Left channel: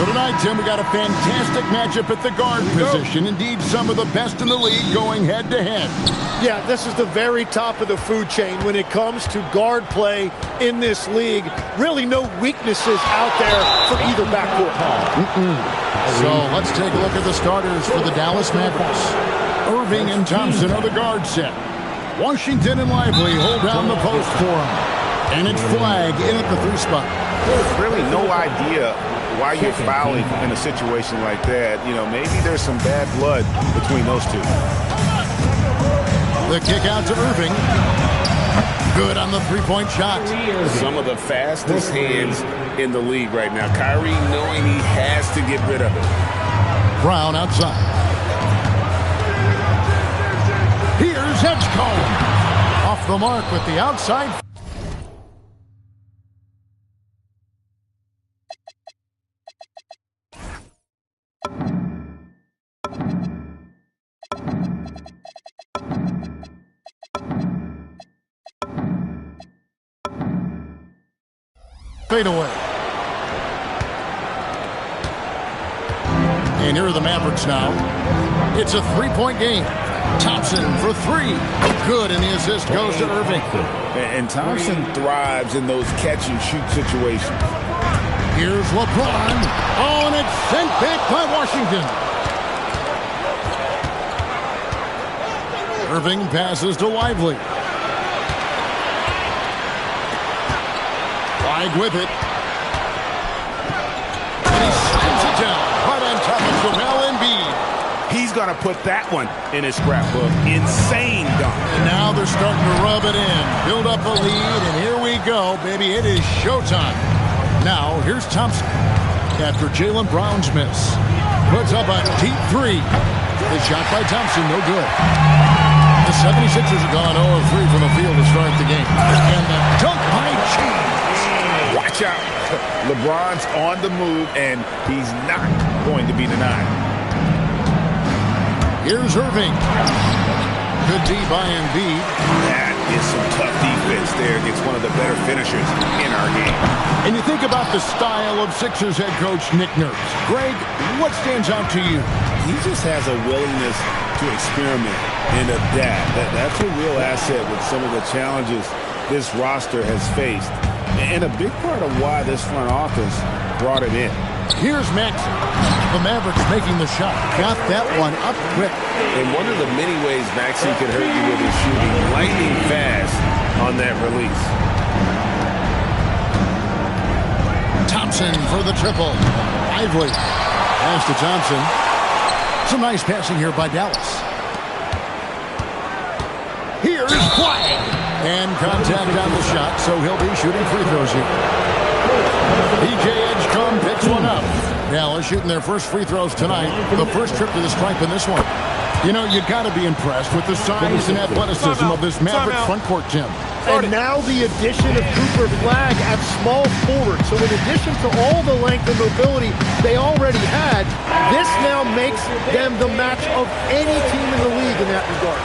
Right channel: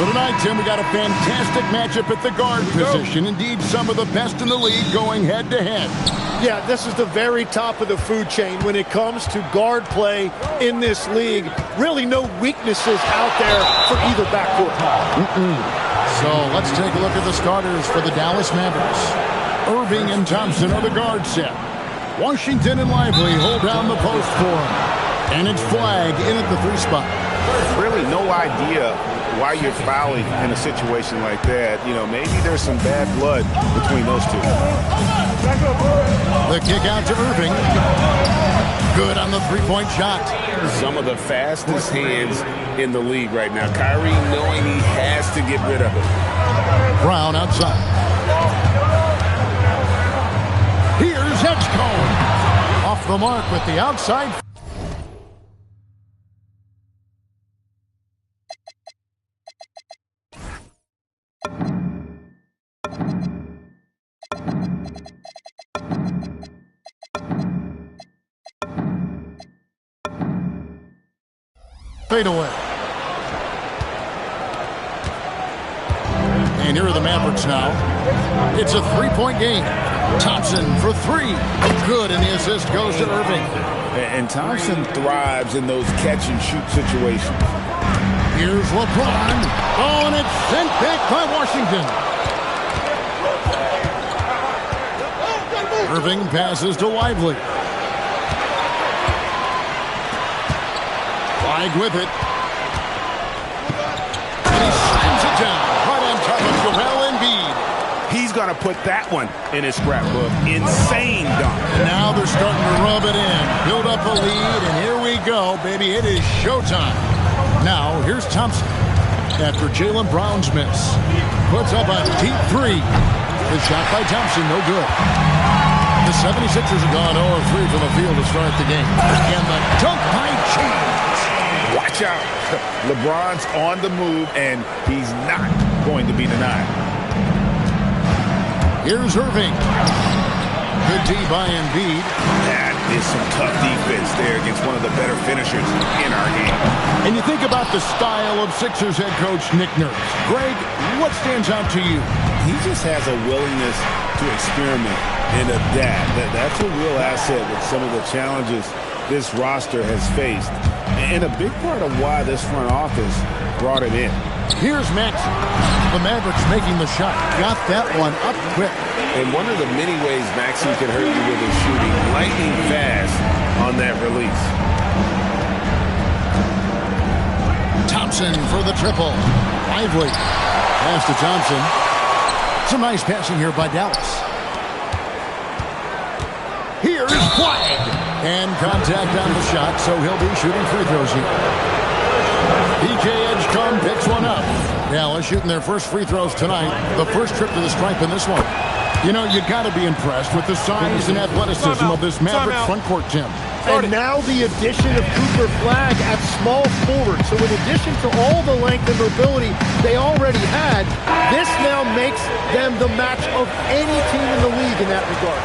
So tonight, Tim, we got a fantastic matchup at the guard position. Indeed, some of the best in the league going head-to-head. Yeah, this is the very top of the food chain when it comes to guard play in this league. Really no weaknesses out there for either backcourt. So let's take a look at the starters for the Dallas Mavericks. Irving and Thompson are the guard set. Washington and Lively hold down the post for him. And it's Flagg in at the 3 spot. Really no idea why you're fouling in a situation like that. You know, maybe there's some bad blood between those two. The kick out to Irving. Good on the 3-point shot. Some of the fastest hands in the league right now. Kyrie knowing he has to get rid of it. Brown outside. Here's Edgecombe. Off the mark with the outside. Fade away. And here are the Mavericks now. It's a 3-point game. Thompson for 3. Good, and the assist goes to Irving. And Thompson thrives in those catch-and-shoot situations. Here's LeBron. Oh, and it's sent back by Washington. Irving passes to Lively. Flagg with it. And he slams it down right on top of Joel Embiid. He's going to put that one in his scrapbook. Insane dunk. And now they're starting to rub it in. Build up a lead, and here we go, baby. It is showtime. Now, here's Thompson. After Jaylen Brown's miss. Puts up a deep 3. The shot by Thompson, no good. The 76ers have gone 0-3 from the field to start the game. And the dunk by James. Watch out. LeBron's on the move, and he's not going to be denied. Here's Irving. Good D by Embiid. That is some tough defense there against one of the better finishers in our game. And you think about the style of Sixers head coach Nick Nurse. Greg, what stands out to you? He just has a willingness to experiment and adapt. That's a real asset with some of the challenges this roster has faced. And a big part of why this front office brought him in. Here's Maxey. The Mavericks making the shot. Got that one up quick. And one of the many ways Maxey can hurt you with his shooting, lightning fast on that release. Thompson for the triple. Lively. Pass to Thompson. Some nice passing here by Dallas. Here's Flagg. And contact on the shot, so he'll be shooting free throws here. PJ Edgecombe picks one up. Dallas shooting their first free throws tonight. The first trip to the stripe in this one. You know, you got to be impressed with the size and athleticism of this Maverick front court, Tim. And now the addition of Cooper Flagg at small forward. So in addition to all the length and mobility they already had, this now makes them the match of any team in the league in that regard.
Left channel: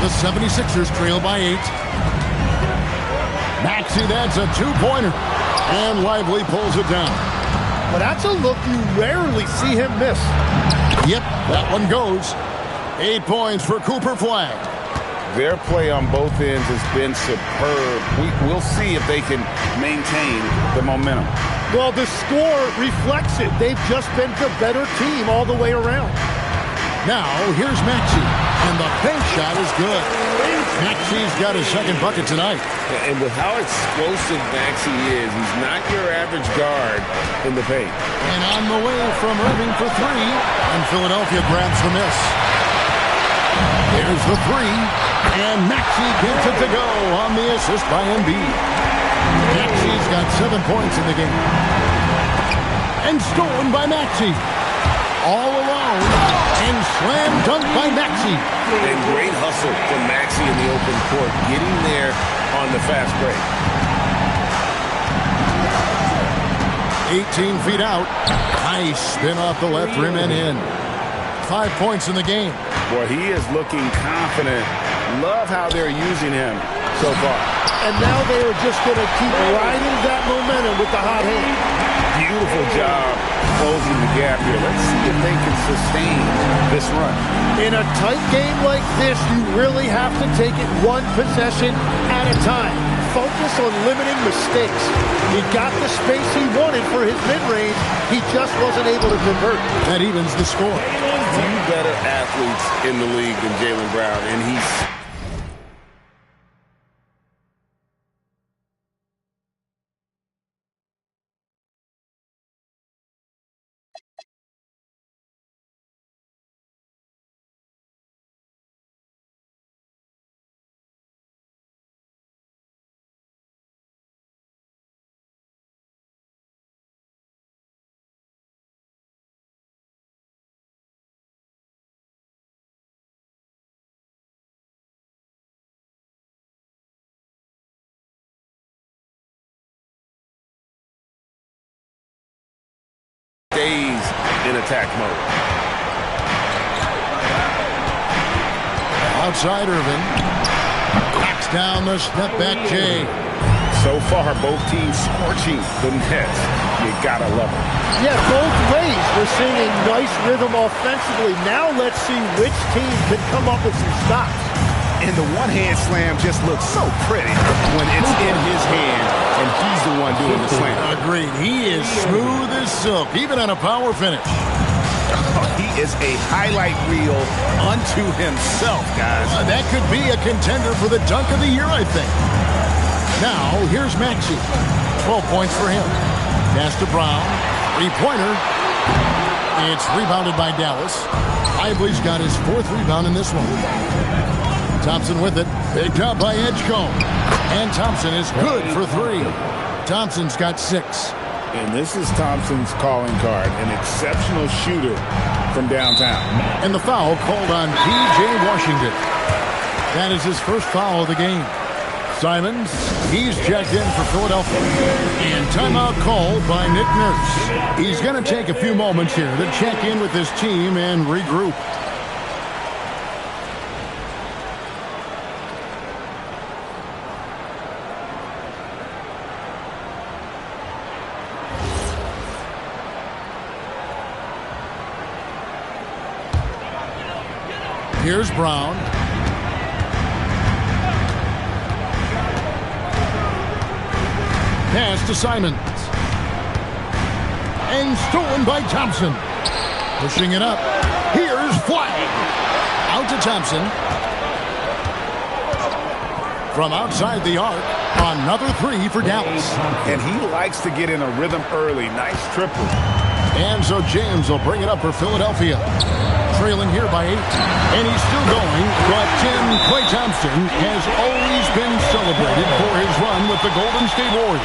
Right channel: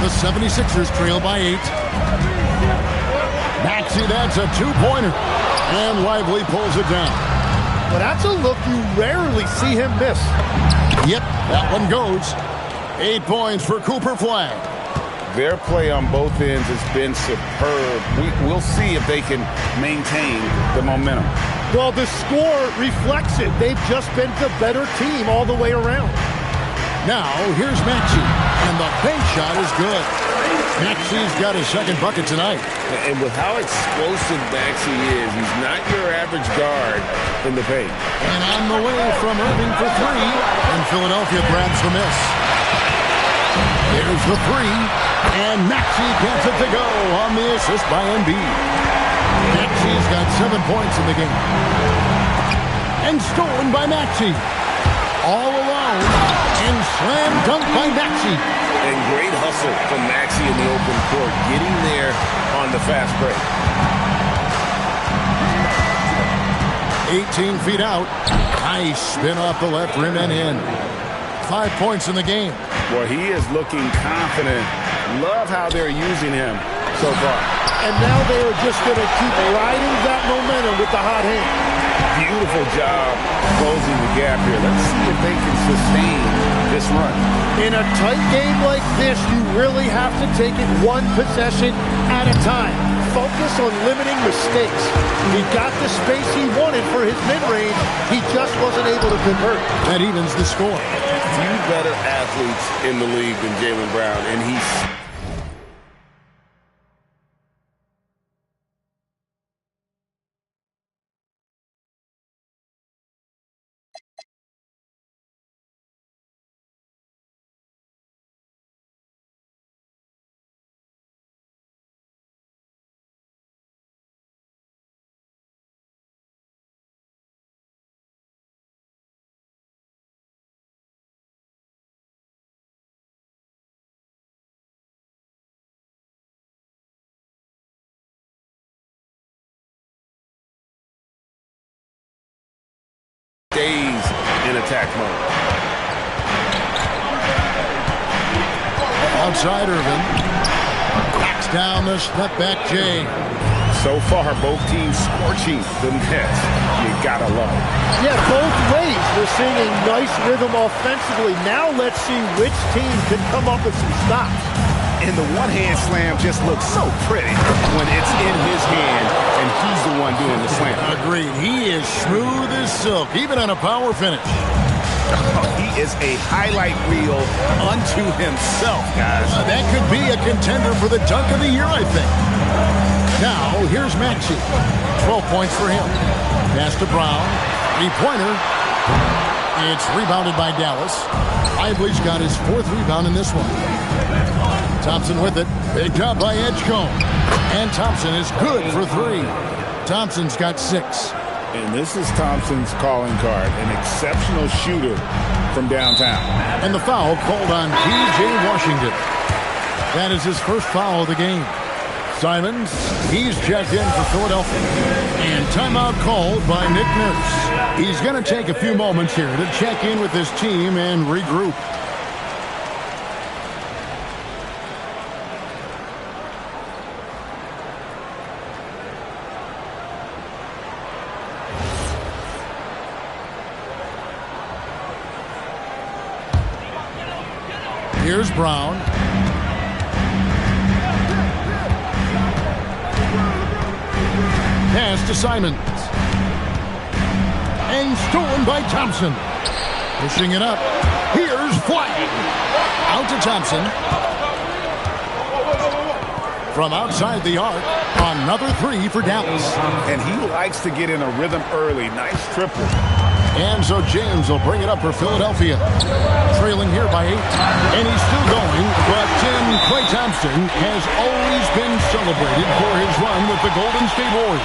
The 76ers trail by 8. Maxey, that's a 2-pointer. And Lively pulls it down. Well, that's a look you rarely see him miss. Yep, that one goes. 8 points for Cooper Flagg. Their play on both ends has been superb. We'll see if they can maintain the momentum. Well, the score reflects it. They've just been the better team all the way around. Now, here's Maxey. And the bank shot is good. Maxey's got his second bucket tonight. And with how explosive Maxey is, he's not your average guard in the paint. And on the way from Irving for 3. And Philadelphia grabs the miss. Here's the 3. And Maxey gets it to go on the assist by Embiid. Maxey's got 7 points in the game. And stolen by Maxey. All alone. And slam dunk by Maxey. And great hustle from Maxey in the open court, getting there on the fast break. 18 feet out. Nice spin off the left rim and in. 5 points in the game. Boy, he is looking confident. Love how they're using him so far. And now they are just going to keep riding that momentum with the hot hand. Beautiful job closing the gap here. Let's see if they can sustain this run. In a tight game like this, you really have to take it one possession at a time. Focus on limiting mistakes. He got the space he wanted for his mid-range. He just wasn't able to convert. That evens the score. Few better athletes in the league than Jaylen Brown, and he's... stays in attack mode. Outside Irving. Backs down the step back Jay. So far, both teams scorching the Nets. You gotta love it. Yeah, both ways. We're seeing a nice rhythm offensively. Now let's see which team can come up with some stops. And the one-hand slam just looks so pretty when it's in his hand and he's the one doing the slam. Agreed. He is smooth as silk, even on a power finish. He is a highlight reel unto himself, guys. That could be a contender for the dunk of the year, I think. Now, here's Maxey. 12 points for him. Pass to Brown. Three-pointer. It's rebounded by Dallas. Lively's got his fourth rebound in this one. Thompson with it. Picked up by Edgecombe. And Thompson is good for three. Thompson's got 6. And this is Thompson's calling card. An exceptional shooter from downtown. And the foul called on P.J. Washington. That is his first foul of the game. Simons, he's checked in for Philadelphia. And timeout called by Nick Nurse. He's going to take a few moments here to check in with his team and regroup. Here's Brown. Pass to Simons. And stolen by Thompson. Pushing it up. Here's Flag. Out to Thompson. From outside the arc. Another three for Dallas. And he likes to get in a rhythm early. Nice triple. And so James will bring it up for Philadelphia. Trailing here by 8. And he's still going, but Tim Klay Thompson has always been celebrated for his run with the Golden State Warriors.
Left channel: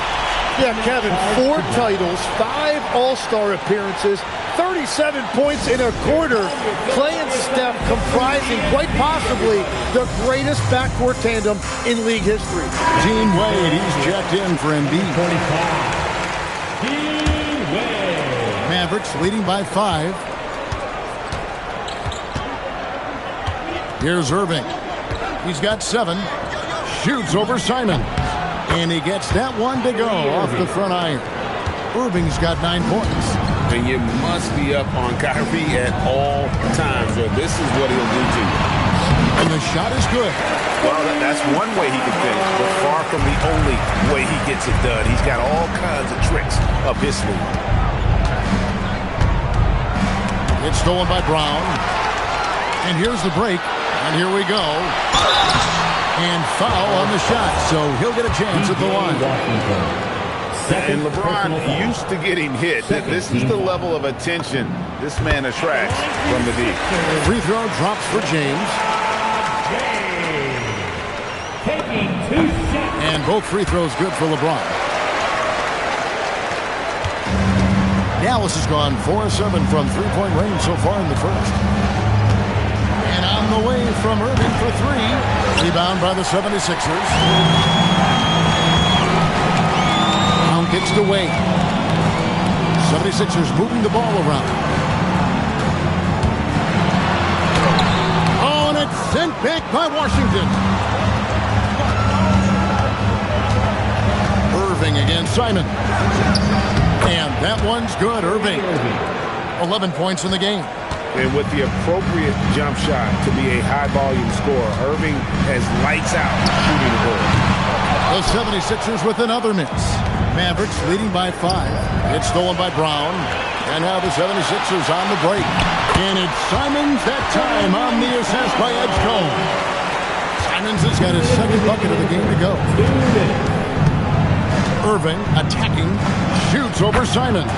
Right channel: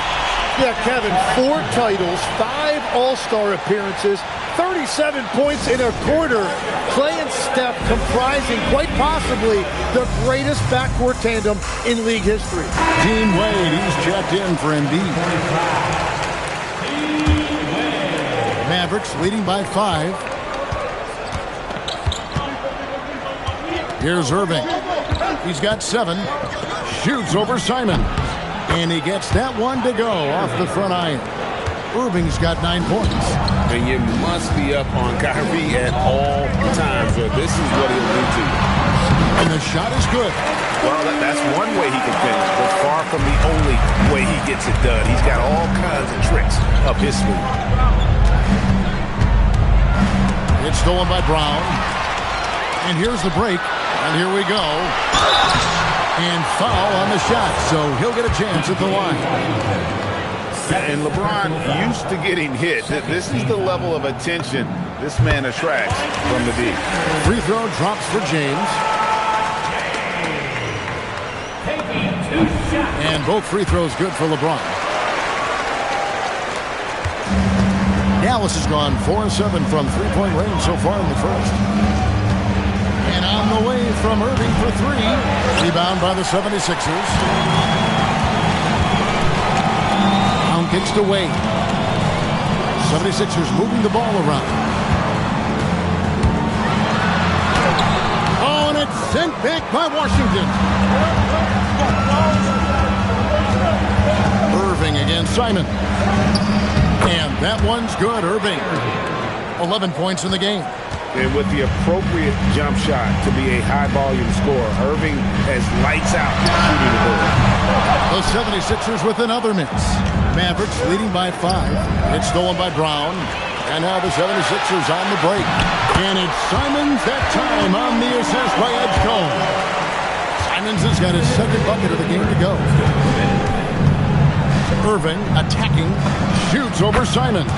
Yeah, Kevin, 4 titles, 5 All-Star appearances, 37 points in a quarter. Klay and Steph comprising quite possibly the greatest backcourt tandem in league history. Dean Wade, he's checked in for Embiid. Mavericks leading by 5. Here's Irving. He's got 7. Shoots over Simons. And he gets that one to go off the front iron. Irving's got 9 points. And you must be up on Kyrie at all times, or this is what he'll do to you. And the shot is good. Well, that's one way he can finish, but far from the only way he gets it done. He's got all kinds of tricks up his sleeve. It's stolen by Brown. And here's the break. And here we go. And foul on the shot, so he'll get a chance at the line. And LeBron used to getting hit. This is the level of attention this man attracts from the D. Free throw drops for James. And both free throws good for LeBron. Dallas has gone 4-7 from three-point range so far in the first. And on the way from Irving for 3. Rebound by the 76ers. Brown kicks to Wade. 76ers moving the ball around. Oh, and it's sent back by Washington. Irving against Simon. And that one's good. Irving, 11 points in the game. And with the appropriate jump shot to be a high-volume scorer, Irving has lights out shooting the ball. The 76ers with another miss. Mavericks leading by 5. It's stolen by Brown. And now the 76ers on the break. And it's Simons that time on the assist by Edgecombe. Simons has got his second bucket of the game to go. Irving attacking, shoots over Simons.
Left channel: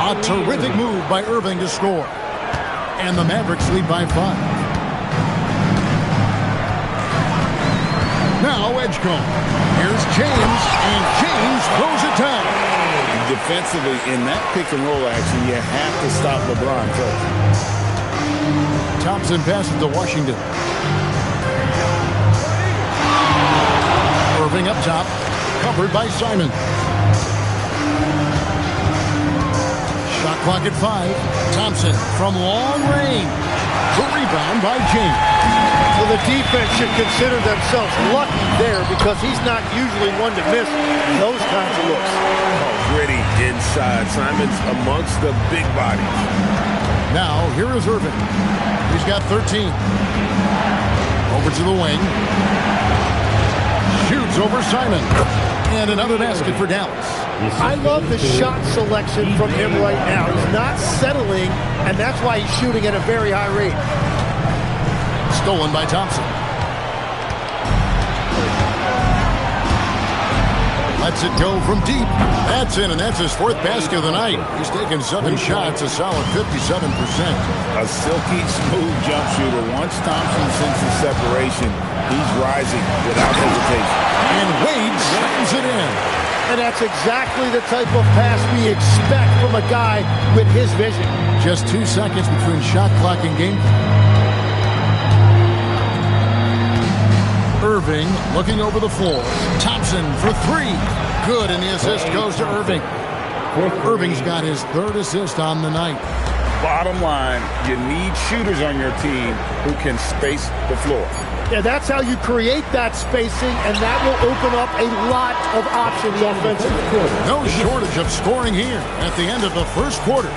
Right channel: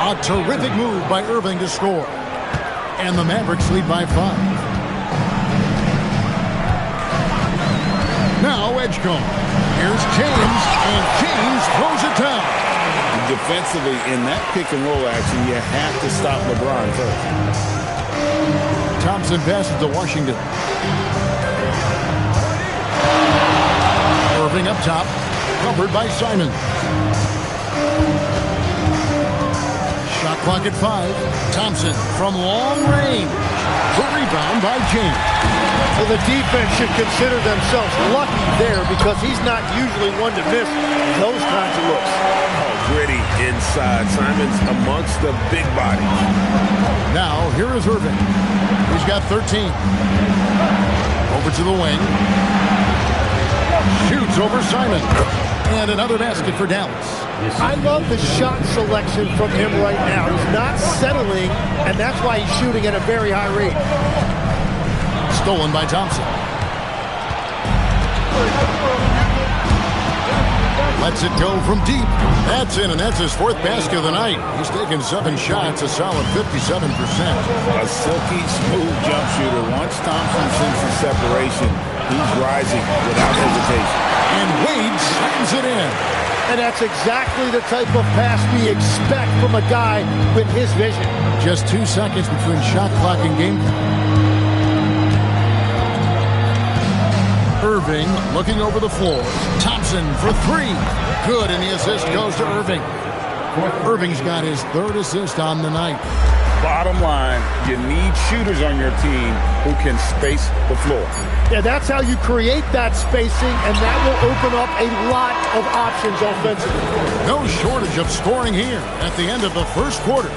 A terrific move by Irving to score. And the Mavericks lead by 5. Now Edgecombe. Here's James, and James throws it down. Defensively, in that pick-and-roll action, you have to stop LeBron first. Thompson passes to Washington. Irving up top, covered by Simons. Shot clock at 5. Thompson from long range. The rebound by James. Well, the defense should consider themselves lucky there because he's not usually one to miss those kinds of looks. Oh, gritty inside. Simons amongst the big bodies. Now, here is Irving. He's got 13. Over to the wing. Shoots over Simon. And another basket for Dallas. I love the shot selection from him right now. He's not settling, and that's why he's shooting at a very high rate. Stolen by Thompson. Lets it go from deep. That's in, and that's his 4th basket of the night. He's taken 7 shots, a solid 57%. A silky, smooth jump shooter. Once Thompson senses separation, he's rising without hesitation. And Wade slams it in. And that's exactly the type of pass we expect from a guy with his vision. Just 2 seconds between shot clock and game clock. Irving looking over the floor. Thompson for 3. Good, and the assist goes to Irving. Irving's got his 3rd assist on the night. Bottom line, you need shooters on your team who can space the floor. Yeah, that's how you create that spacing, and that will open up a lot of options offensively. No shortage of scoring here at the end of the first quarter.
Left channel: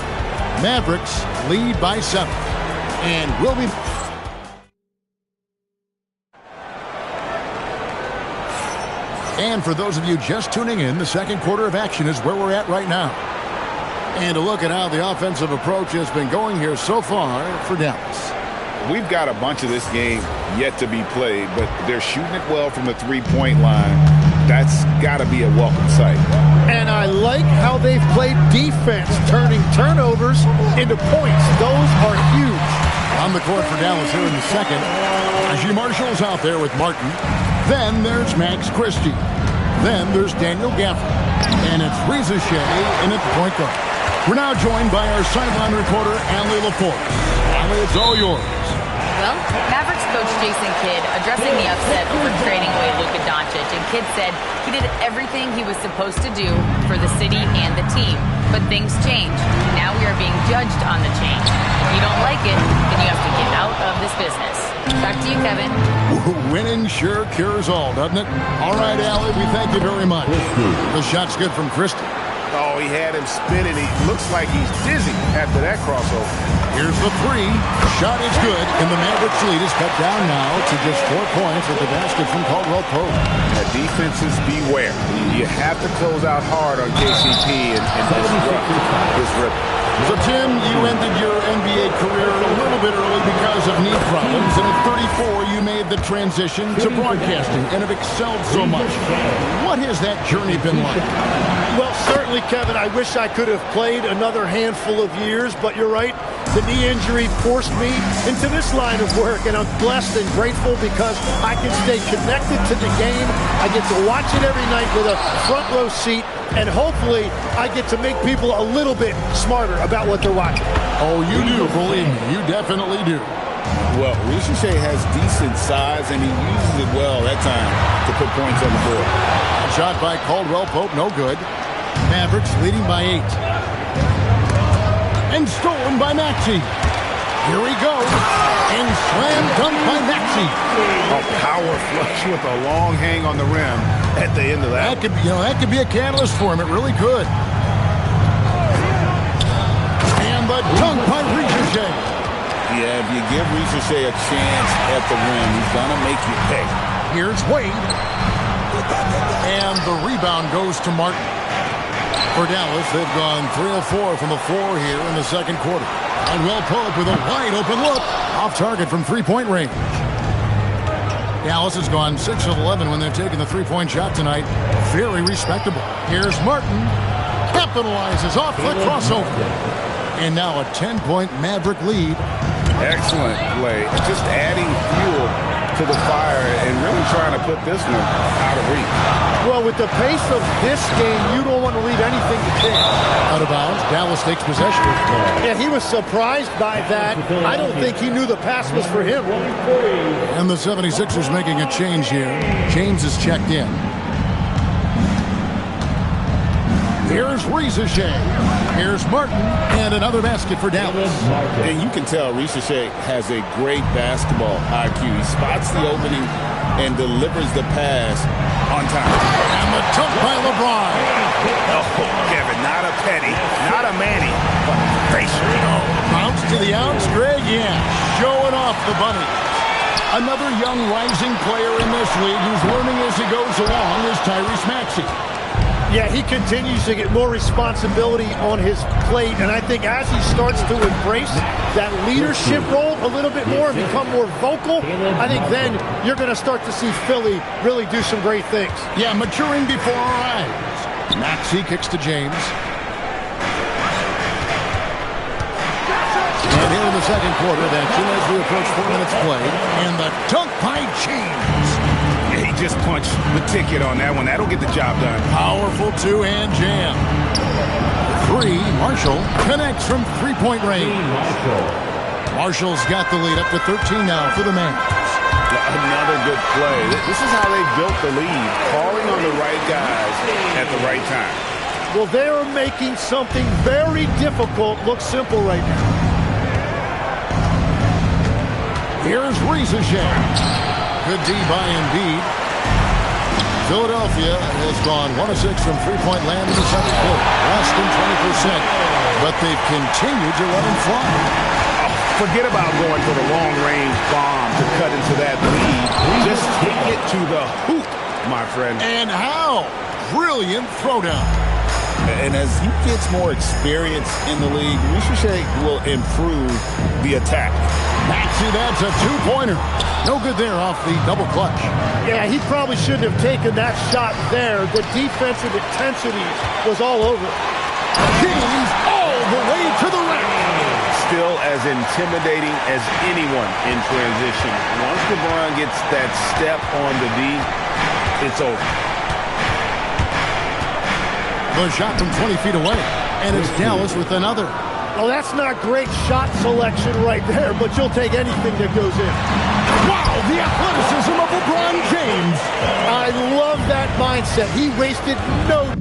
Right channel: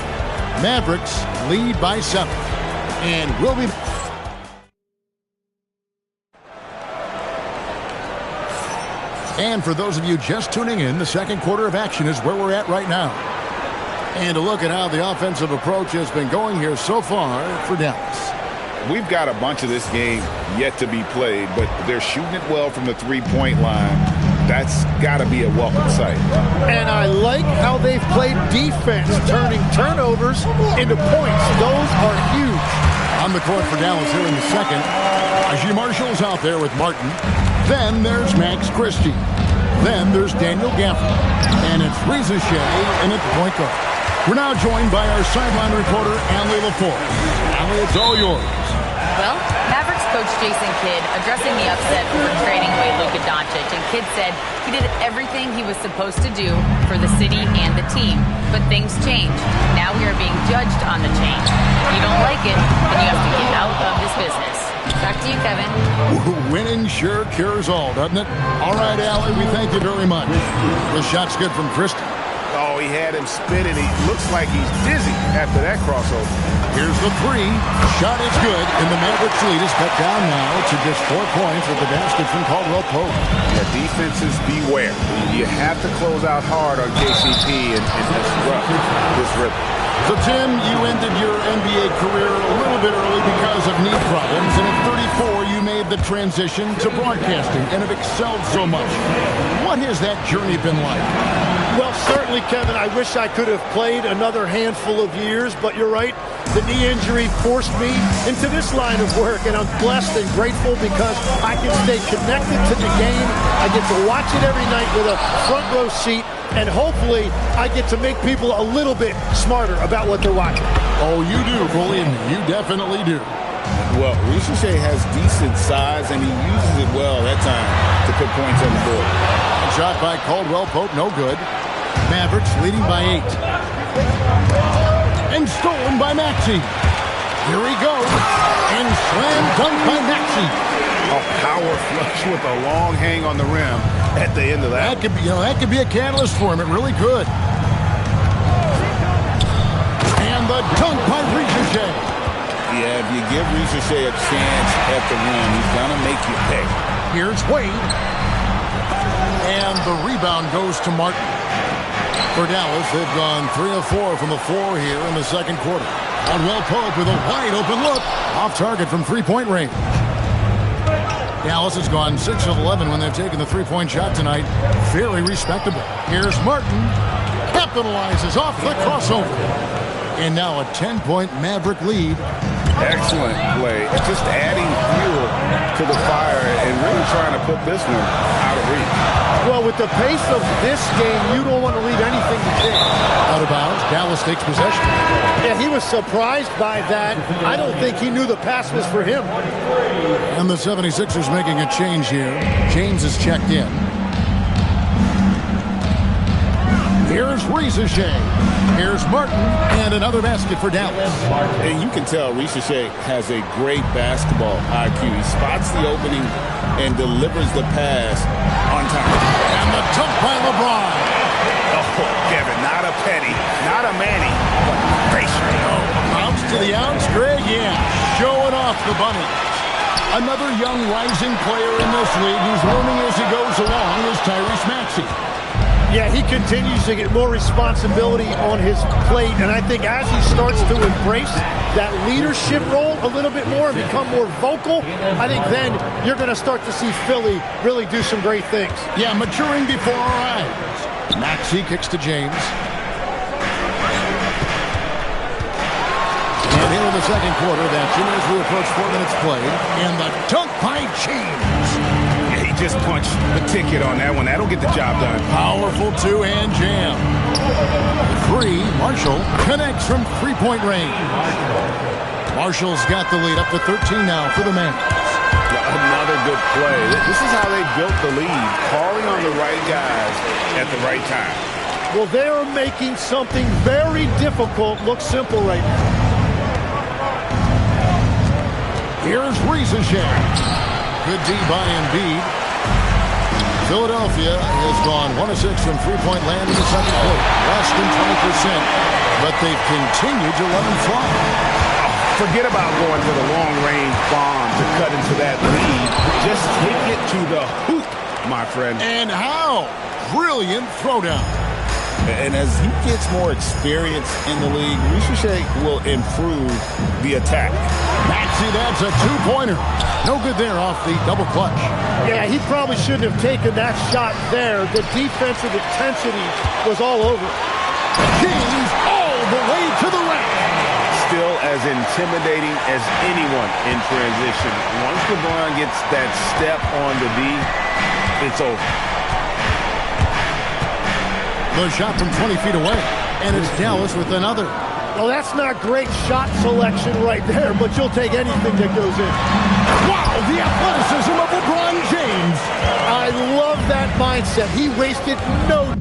Mavericks lead by 7. And we'll be... And for those of you just tuning in, the second quarter of action is where we're at right now. And to look at how the offensive approach has been going here so far for Dallas. We've got a bunch of this game yet to be played, but they're shooting it well from the three-point line. That's got to be a welcome sight. And I like how they've played defense, turning turnovers into points. Those are huge. On the court for Dallas here in the second, Najee Marshall's out there with Martin. Then there's Max Christie. Then there's Daniel Gafford. And it's Reza Shea in at the point guard. We're now joined by our sideline reporter, Allie LaForce. Allie, it's all yours. Well, Mavericks coach Jason Kidd addressing the upset over trading away Luka Doncic, and Kidd said he did everything he was supposed to do for the city and the team. But things change. Now we are being judged on the change. If you don't like it, then you have to get out of this business. Back to you, Kevin. Winning sure cures all, doesn't it? All right, Allie, we thank you very much. The shot's good from Christie. Oh, he had him spinning. He looks like he's dizzy after that crossover. Here's the 3. Shot is good, and the Mavericks lead is cut down now to just 4 points with the basket from Caldwell Pope. Yeah, defenses, beware. You have to close out hard on KCP and disrupt this rhythm. So, Tim, you ended your NBA career a little bit early because of knee problems, and at 34, you made the transition to broadcasting and have excelled so much. What has that journey been like? Well, certainly, Kevin, I wish I could have played another handful of years, but you're right. The knee injury forced me into this line of work, and I'm blessed and grateful because I can stay connected to the game. I get to watch it every night with a front row seat, and hopefully I get to make people a little bit smarter about what they're watching. Oh, you do, believe me. You definitely do. Well, Ricochet has decent size, and he uses it well that time to put points on the board. Shot by Caldwell Pope, no good. Mavericks leading by 8. And stolen by Maxey. Here he goes. And slam dunk by Maxey. A power flush with a long hang on the rim at the end of that. That could be a catalyst for him. It really could. a dunk by Riconchet. Yeah, if you give Riconchet a chance at the rim, he's going to make you pay. Here's Wade. And the rebound goes to Martin. For Dallas, they've gone 3 of 4 from the floor here in the second quarter. Caldwell Pope with a wide open look. Off target from three-point range. Dallas has gone 6 of 11 when they've taken the three-point shot tonight. Very respectable. Here's Martin. Capitalizes off the crossover. And now a 10-point Maverick lead. Excellent play. Just adding fuel to the fire and really trying to put this one out of reach. Well, with the pace of this game, you don't want to leave anything to chance. Out of bounds. Dallas takes possession. Yeah, he was surprised by that. I don't think he knew the pass was for him. And the 76ers making a change here. James is checked in. Here's Riconchet. Here's Martin. And another basket for Dallas. And you can tell Riconchet has a great basketball IQ. He spots the opening and delivers the pass on time. And the dunk by LeBron. Oh, Kevin, not a penny, not a Manny, but a facial. Bounce to the ounce, Greg. Yeah, showing off the bunnies. Another young rising player in this league who's learning as he goes along is Tyrese Maxey. Yeah, he continues to get more responsibility on his plate, and I think as he starts to embrace that leadership role a little bit more and become more vocal, I think then you're going to start to see Philly really do some great things. Yeah, maturing before our eyes. Maxey kicks to James. And here in the second quarter of action as we approach 4 minutes played. And the dunk by James. Yeah, he just punched the ticket on that one. That'll get the job done. Powerful two-hand jam. The three, Marshall connects from three-point range. Marshall's got the lead up to 13 now for the Mavs. Another good play. This is how they built the lead, calling on the right guys at the right time. Well, they are making something very difficult look simple right now. Here's Riconchet. Good D by Embiid. Philadelphia has gone 1 of 6 from three-point land in the second quarter. Less than 20%, but they've continued to let them fly. Forget about going for the long-range bomb to cut into that lead. Just take it to the hoop, my friend. And how? Brilliant throwdown. And as he gets more experience in the league, Riconchet will improve the attack. Maxey, that's a two-pointer. No good there off the double clutch. Yeah, he probably shouldn't have taken that shot there. The defensive intensity was all over. James all the way to the rack. Still as intimidating as anyone in transition. Once LeBron gets that step on the D, it's over. The shot from 20 feet away, and it's Dallas with another. Well, that's not great shot selection right there, but you'll take anything that goes in. Wow, the athleticism of LeBron James. I love that mindset. He wasted no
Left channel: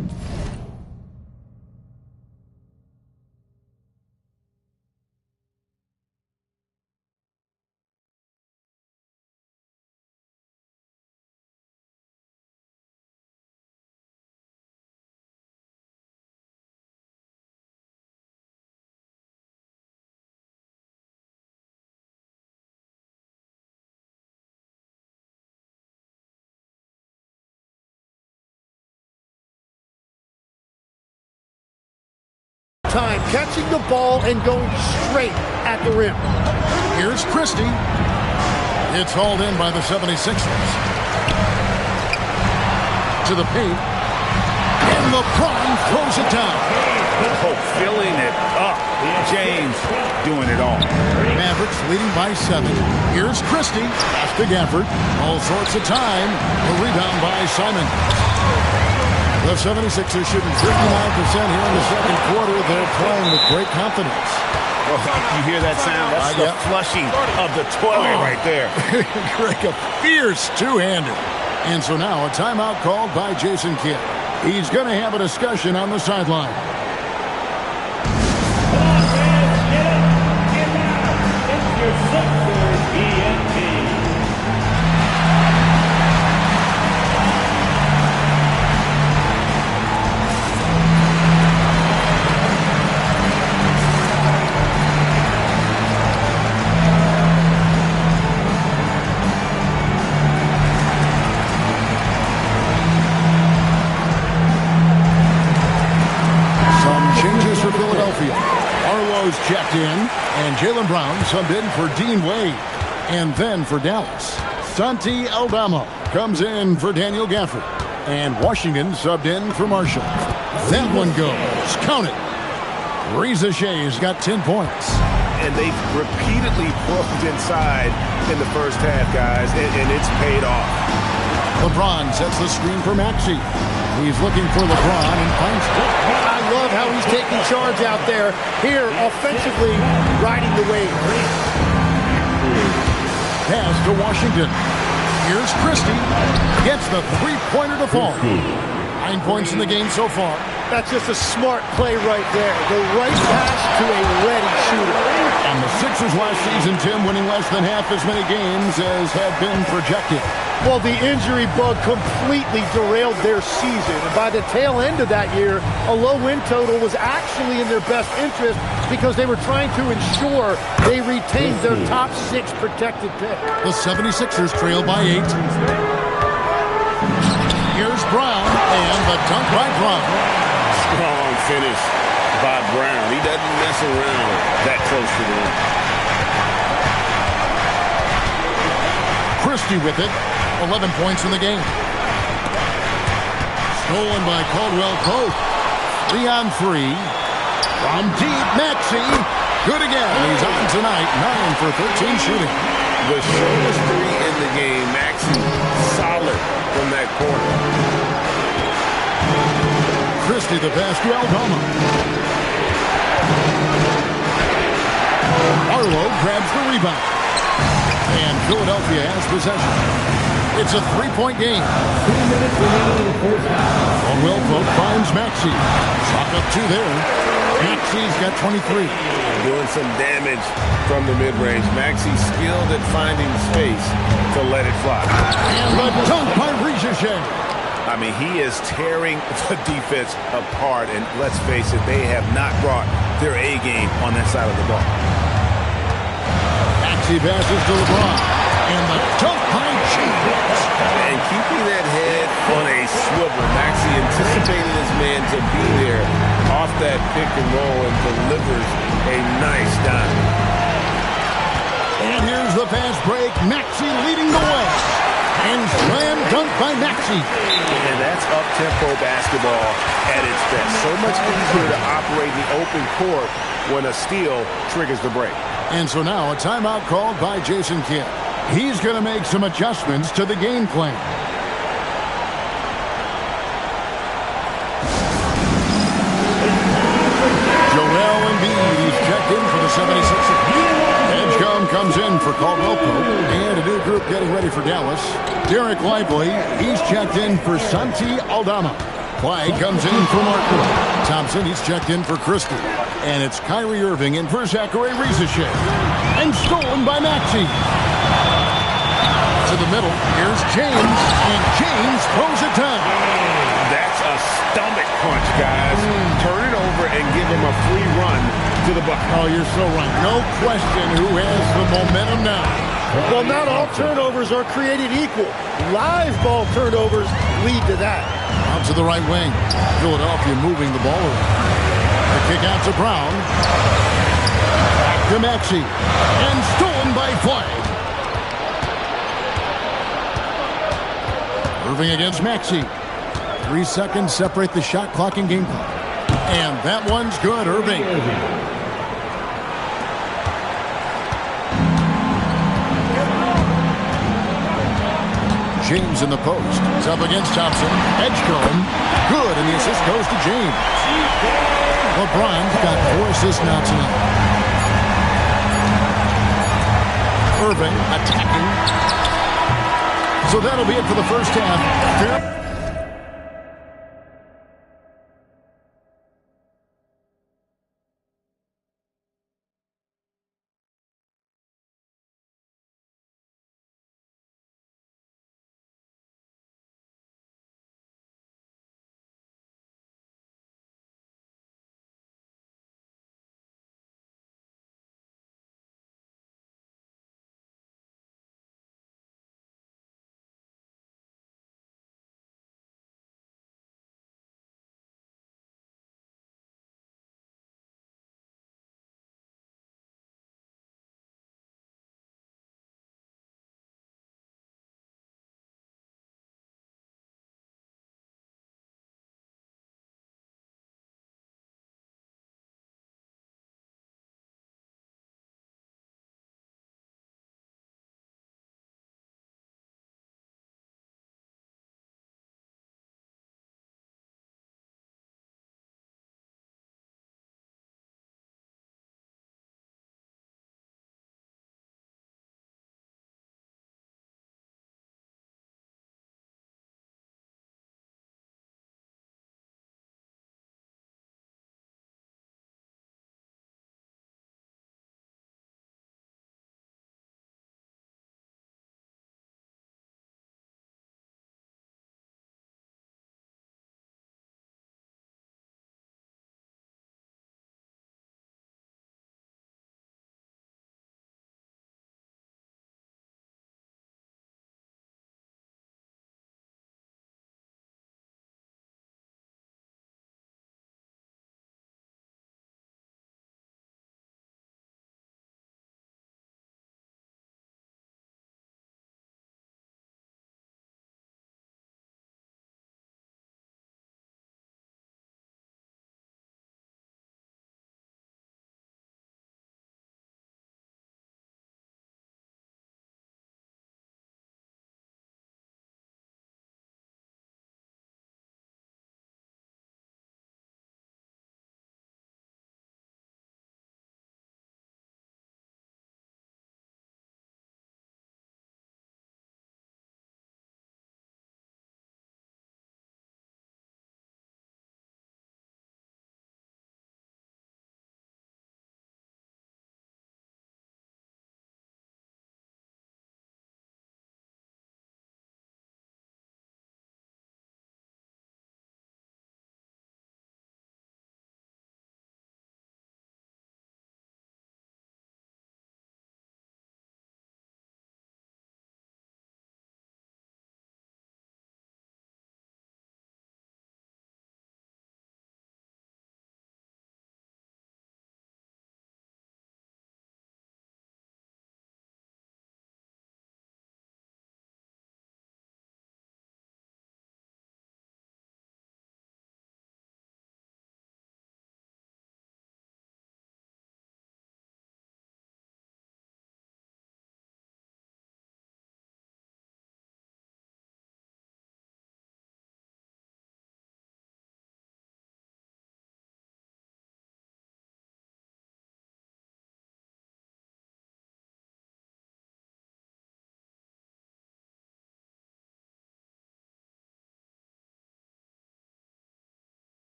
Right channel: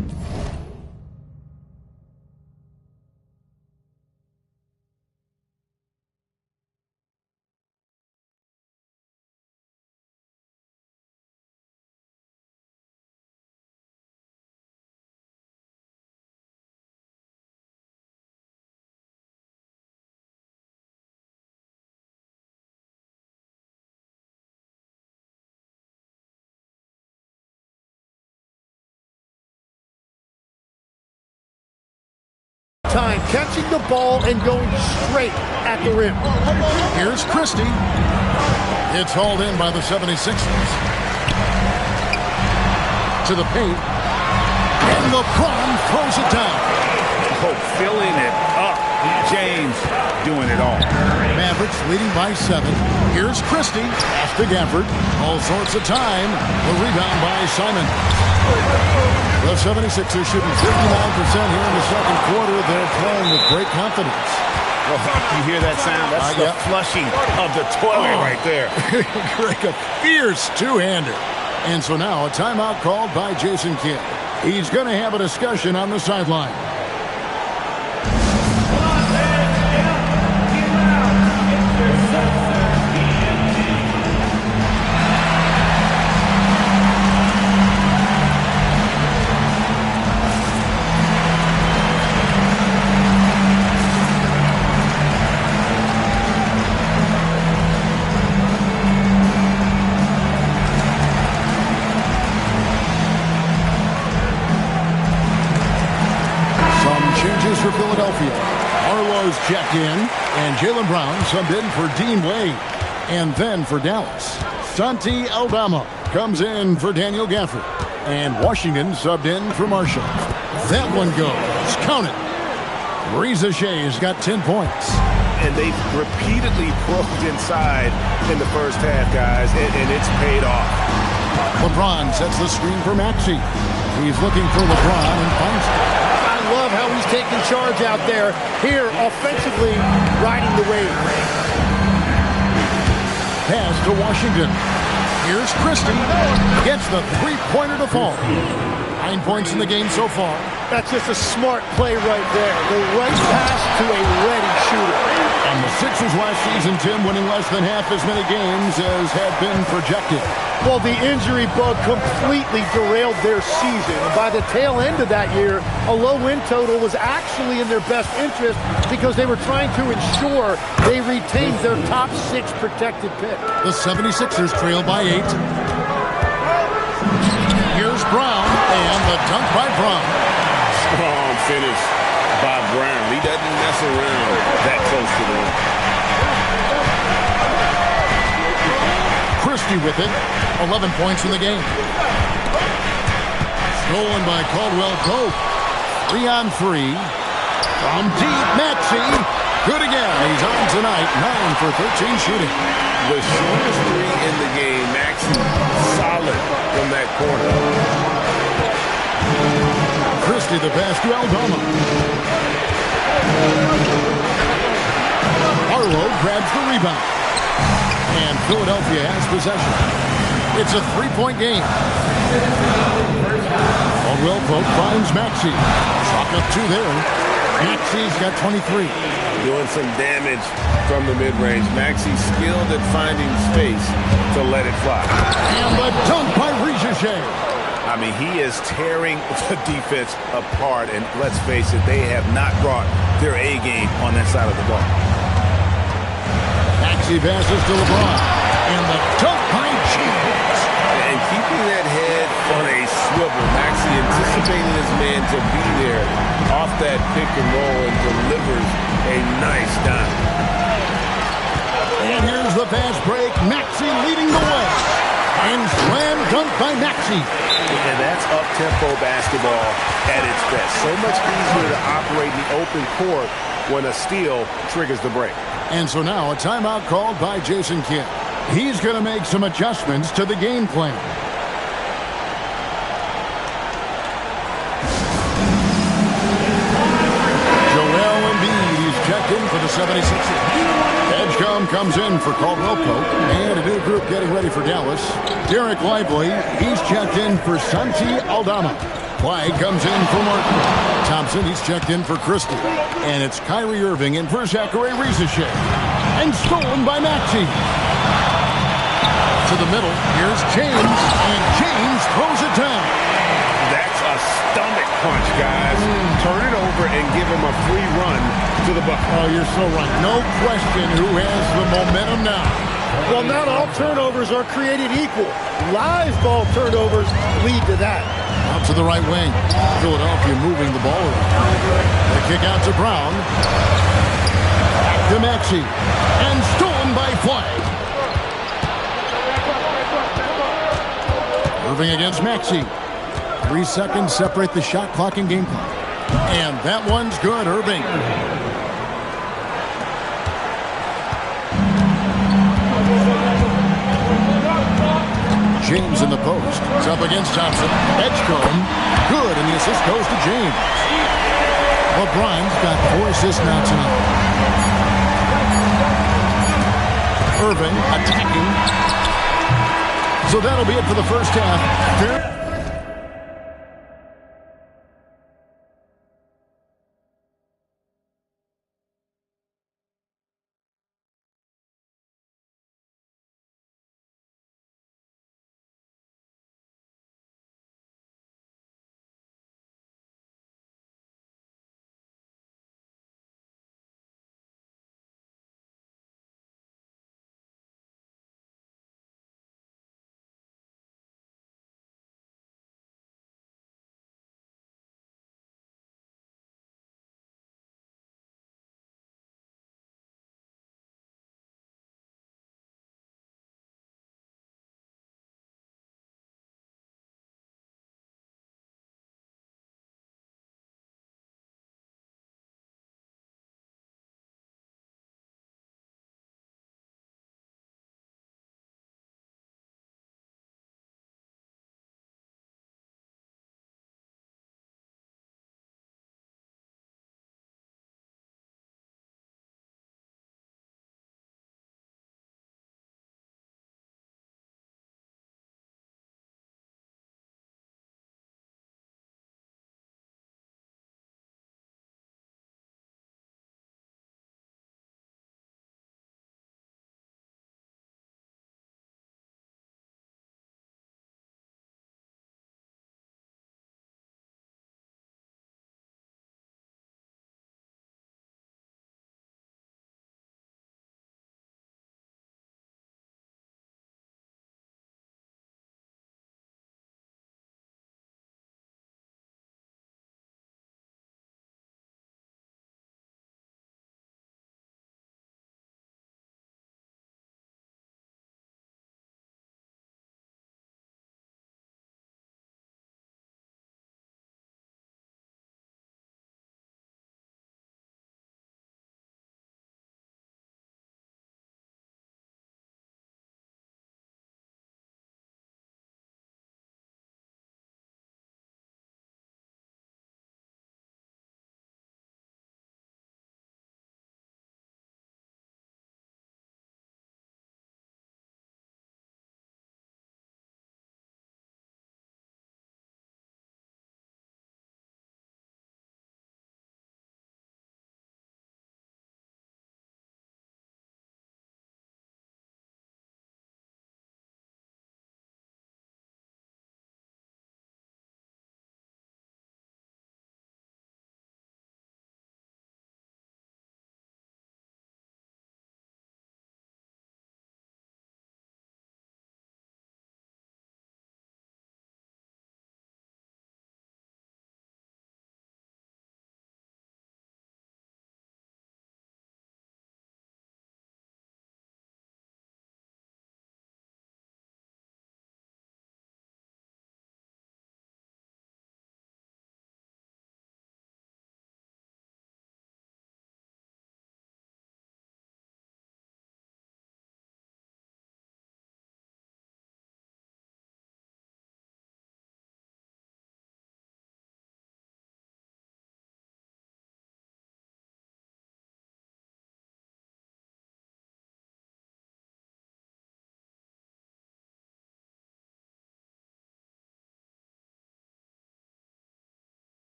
time catching the ball and going straight at the rim. Here's Christie. It's hauled in by the 76ers. To the paint. And LeBron throws it down. Oh, filling it up. James doing it all. Mavericks leading by 7. Here's Christie. Pass to Gafford. All sorts of time. The rebound by Simon. The 76ers shooting 59% here in the second quarter. They're playing with great confidence. Oh, you hear that sound? That's the flushing of the toilet right there. Greg, a fierce two-hander. And so now a timeout called by Jason Kidd. He's going to have a discussion on the sideline. for Philadelphia. Arlo's checked in, and Jaylen Brown subbed in for Dean Wade. And then for Dallas, Santi Aldama comes in for Daniel Gafford. And Washington subbed in for Marshall. That one goes. Count it. Reza Shea's got 10 points. And they've repeatedly probed inside in the first half, guys, and it's paid off. LeBron sets the screen for Maxey. He's looking for LeBron and finds it. I love how he's taking charge out there. Here, offensively, riding the wave. Pass to Washington. Here's Christie. Gets the three-pointer to fall. 9 points in the game so far. That's just a smart play right there. The right pass to a ready shooter. And the Sixers last season, Tim, winning less than half as many games as had been projected. Well, the injury bug completely derailed their season. And by the tail end of that year, a low win total was actually in their best interest because they were trying to ensure they retained their top 6 protected pick. The 76ers trail by 8. Here's Brown, and the dunk by Brown. Strong finish by Brown. He doesn't mess around that close to the rim. Christie with it. 11 points in the game. Stolen by Caldwell Pope. 3 on 3. From deep, Maxey. Good again. He's on tonight. 9 for 13 shooting. The shortest 3 in the game. Maxey solid from that corner. Christie the pass to Aldama. Arlo grabs the rebound. And Philadelphia has possession. It's a 3-point game. Caldwell Pope finds Maxey. Chalk up 2 there. Maxey's got 23. Doing some damage from the mid-range. Maxey skilled at finding space to let it fly. And the dunk by Reza Shea. I mean, he is tearing the defense apart, and let's face it, they have not brought their A game on that side of the ball. Maxey passes to LeBron, and the dunk by James. And keeping that head on a swivel, Maxey anticipating his man to be there off that pick and roll and delivers a nice dime. And here's the fast break. Maxey leading the way. And slam dunk by Maxey. And that's up-tempo basketball at its best. So much easier to operate in the open court when a steal triggers the break. And so now a timeout called by Jason Kidd. He's going to make some adjustments to the game plan. Joel Embiid, he's checked in for the 76ers. Edgecombe comes in for Caldwell Pope. And a new group getting ready for Dallas. Derek Lively, he's checked in for Santi Aldama. Clyde comes in for Martin. Thompson, he's checked in for Christie. And it's Kyrie Irving in for Zachary Rizachet. And stolen by Maxey. To the middle, here's James. And James throws it down. That's a stomach punch, guys. Turn it over and give him a free run to the bucket. Oh, you're so right. No question who has the momentum now. Well, not all turnovers are created equal. Live ball turnovers lead to that. Out to the right wing. Philadelphia moving the ball around. They kick out to Brown. Back to Maxey. And stolen by Flag. Irving against Maxey. 3 seconds separate the shot clock and game clock. And that one's good, Irving. James in the post. It's up against Thompson. Edgecombe. Good, and the assist goes to James. LeBron's got 4 assists now tonight. Irving attacking. So that'll be it for the first half.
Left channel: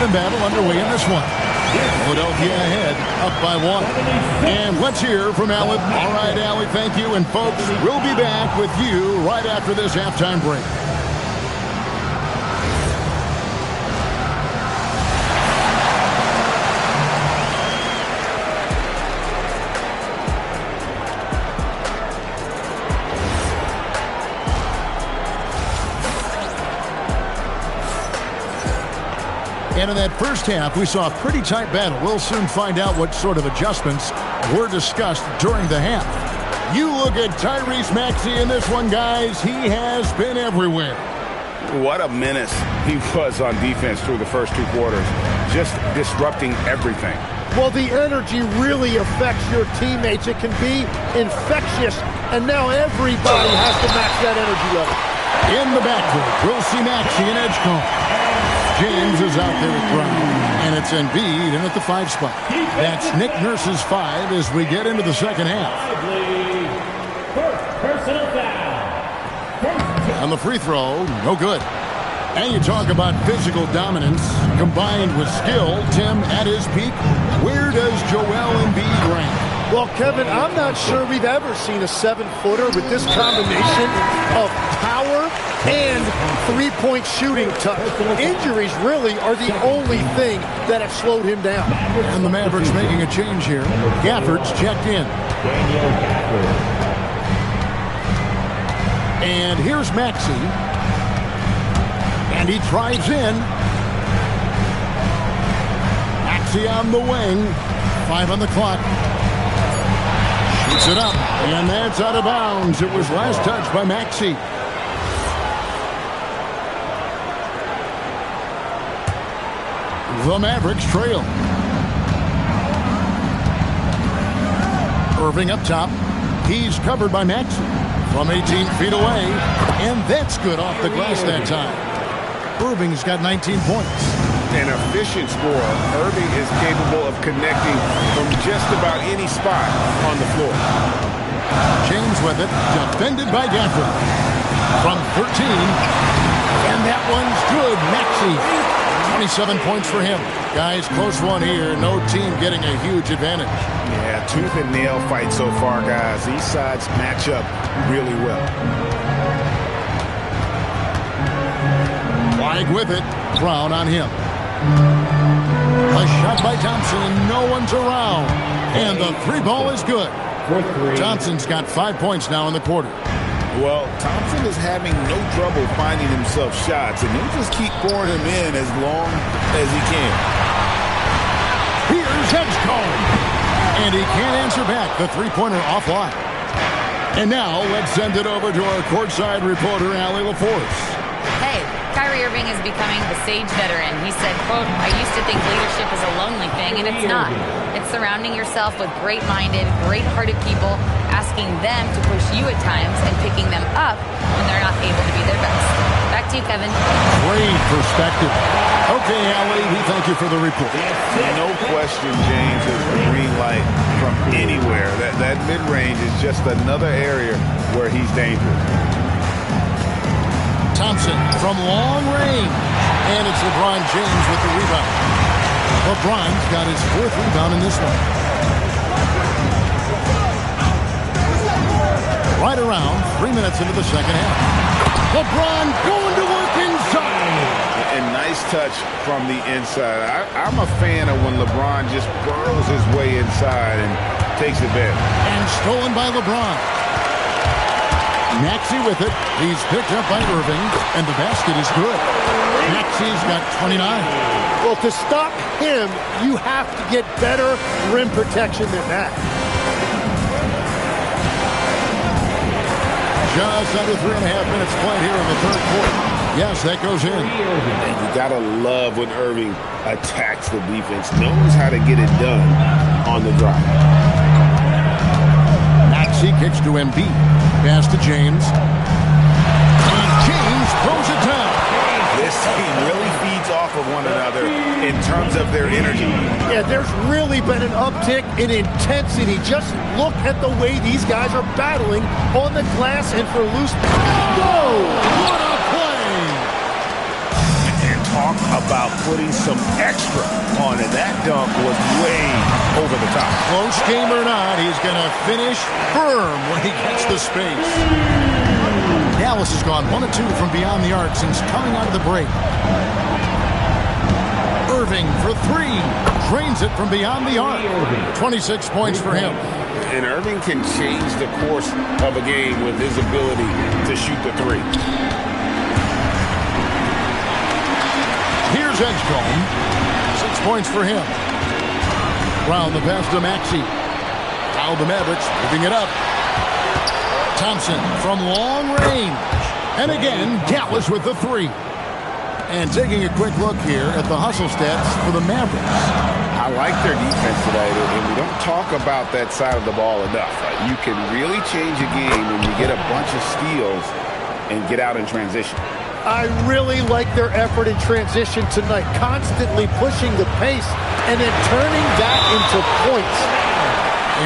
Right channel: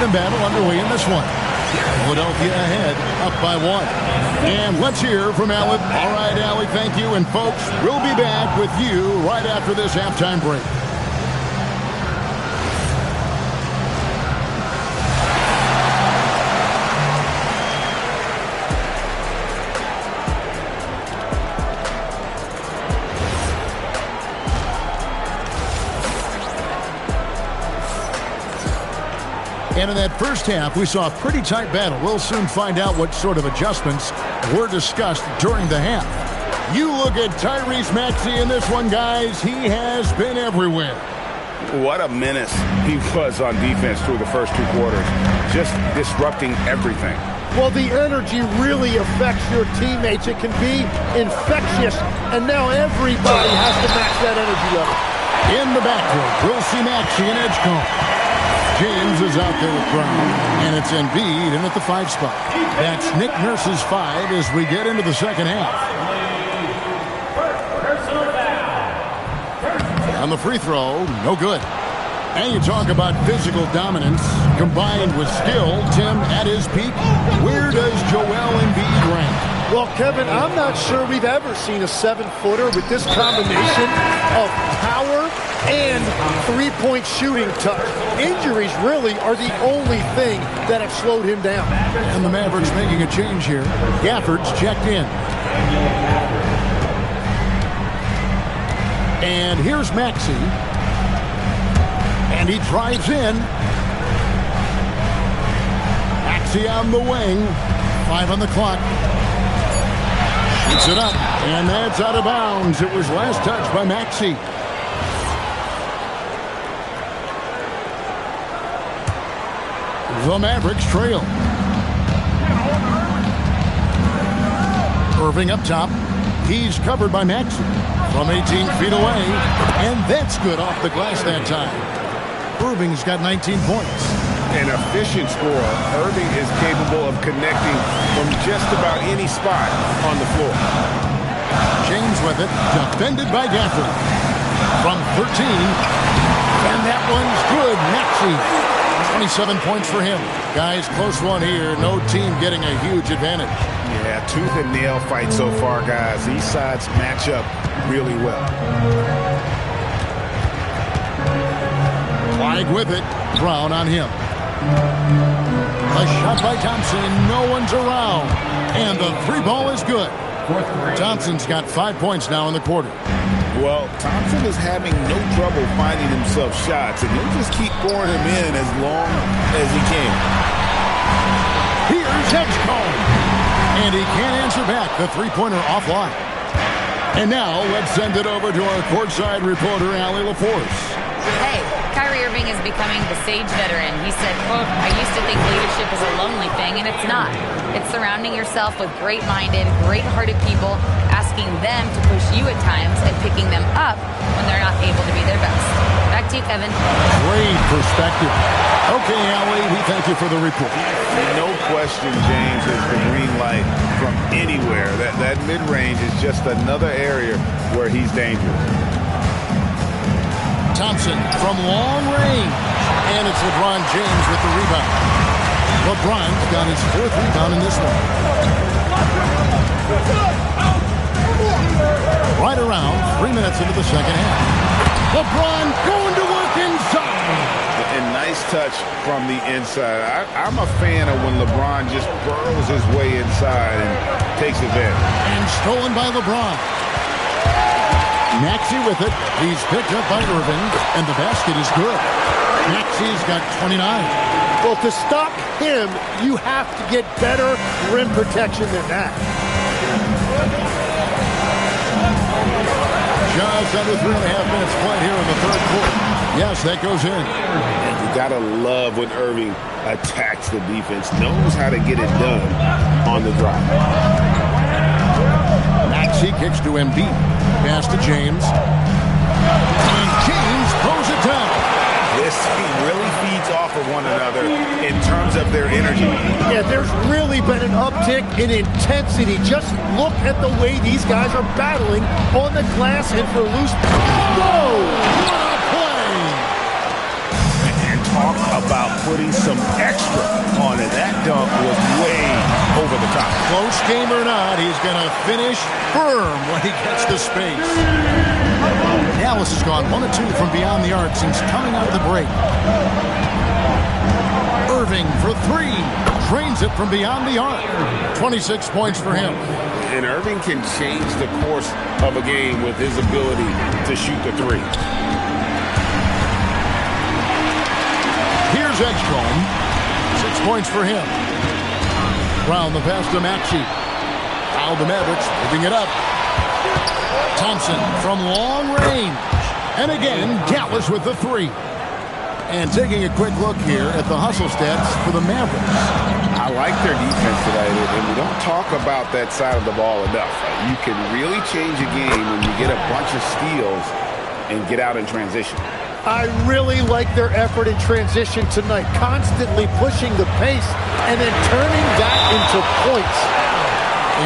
even battle underway in this one. Philadelphia ahead, up by 1. And let's hear from Allie. All right, Allie, thank you. And folks, we'll be back with you right after this halftime break. And in that first half, we saw a pretty tight battle. We'll soon find out what sort of adjustments were discussed during the half. You look at Tyrese Maxey in this one, guys. He has been everywhere. What a menace he was on defense through the first 2 quarters, just disrupting everything. Well, the energy really affects your teammates. It can be infectious, and now everybody has to match that energy level. In the backcourt, we'll see Maxey and Edgecombe. James is out there with Brown, and it's Embiid in at the 5 spot. That's Nick Nurse's 5 as we get into the second half. Personal foul. On the free throw, no good. And you talk about physical dominance combined with skill. Tim, at his peak, where does Joel Embiid rank? Well, Kevin, I'm not sure we've ever seen a 7-footer with this combination of power and three-point shooting touch. Injuries really are the only thing that have slowed him down. And the Mavericks making a change here. Gafford's checked in. And here's Maxey. And he drives in. Maxey on the wing. 5 on the clock. Shoots it up, and that's out of bounds. It was last touched by Maxey. The Mavericks trail. Irving up top. He's covered by Maxey from 18 feet away, and that's good off the glass that time. Irving's got 19 points. An efficient scorer, Irving is capable of connecting from just about any spot on the floor. James with it, defended by Gafford. From 13, and that one's good. Maxey, 27 points for him. Guys, close one here. No team getting a huge advantage. Yeah, tooth and nail fight so far, guys. These sides match up really well. Flag with it. Brown on him. A shot by Thompson. No one's around. And the 3 ball is good. Thompson's got 5 points now in the quarter. Well, Thompson is having no trouble finding himself shots, and he'll just keep pouring them in as long as he can. Here's Edgecombe. And he can't answer back. The 3-pointer offline. And now let's send it over to our courtside reporter, Allie LaForce. Hey, Kyrie Irving is becoming the sage veteran. He said, quote, "I used to think leadership is a lonely thing, and it's not. It's surrounding yourself with great-minded, great-hearted people, asking them to push you at times and picking them up when they're not able to be their best." Back to you, Kevin. Great perspective. Okay, Allie, we thank you for the report. No question, James is the green light from anywhere. That mid-range is just another area where he's dangerous. Thompson from long range. And it's LeBron James with the rebound. LeBron's got his 4th rebound in this one. Right around 3 minutes into the second half. LeBron going to work inside. And nice touch from the inside. I'm a fan of when LeBron just burrows his way inside and takes advantage. And stolen by LeBron. Maxey with it. He's picked up by Irving, and the basket is good. Maxey's got 29. Well, to stop him, you have to get better rim protection than that. Just under 3.5 minutes played here in the third quarter. Yes, that goes in. And you got to love when Irving attacks the defense, knows how to get it done on the drive. Maxey kicks to Embiid. Pass to James. And James throws it down. This team really feeds off of one another in terms of their energy. Yeah, there's really been an uptick in intensity. Just look at the way these guys are battling on the glass and for loose. Whoa! What a play! And talk talk about putting some extra on it. That dunk was way over the top. Close game or not, he's going to finish firm when he gets the space. Dallas has gone 1 of 2 from beyond the arc since coming out of the break. Irving for 3. Drains it from beyond the arc. 26 points for him. And Irving can change the course of a game with his ability to shoot the 3. Here's Edgecombe. 6 points for him. Brown the pass to Maxey. Now the Mavericks moving it up. Thompson from long range. And again, Dallas with the 3. And taking a quick look here at the hustle stats for the Mavericks. I like their defense tonight, and we don't talk about that side of the ball enough. You can really change a game when you get a bunch of steals and get out in transition. I really like their effort in transition tonight, constantly pushing the pace and then turning that into points.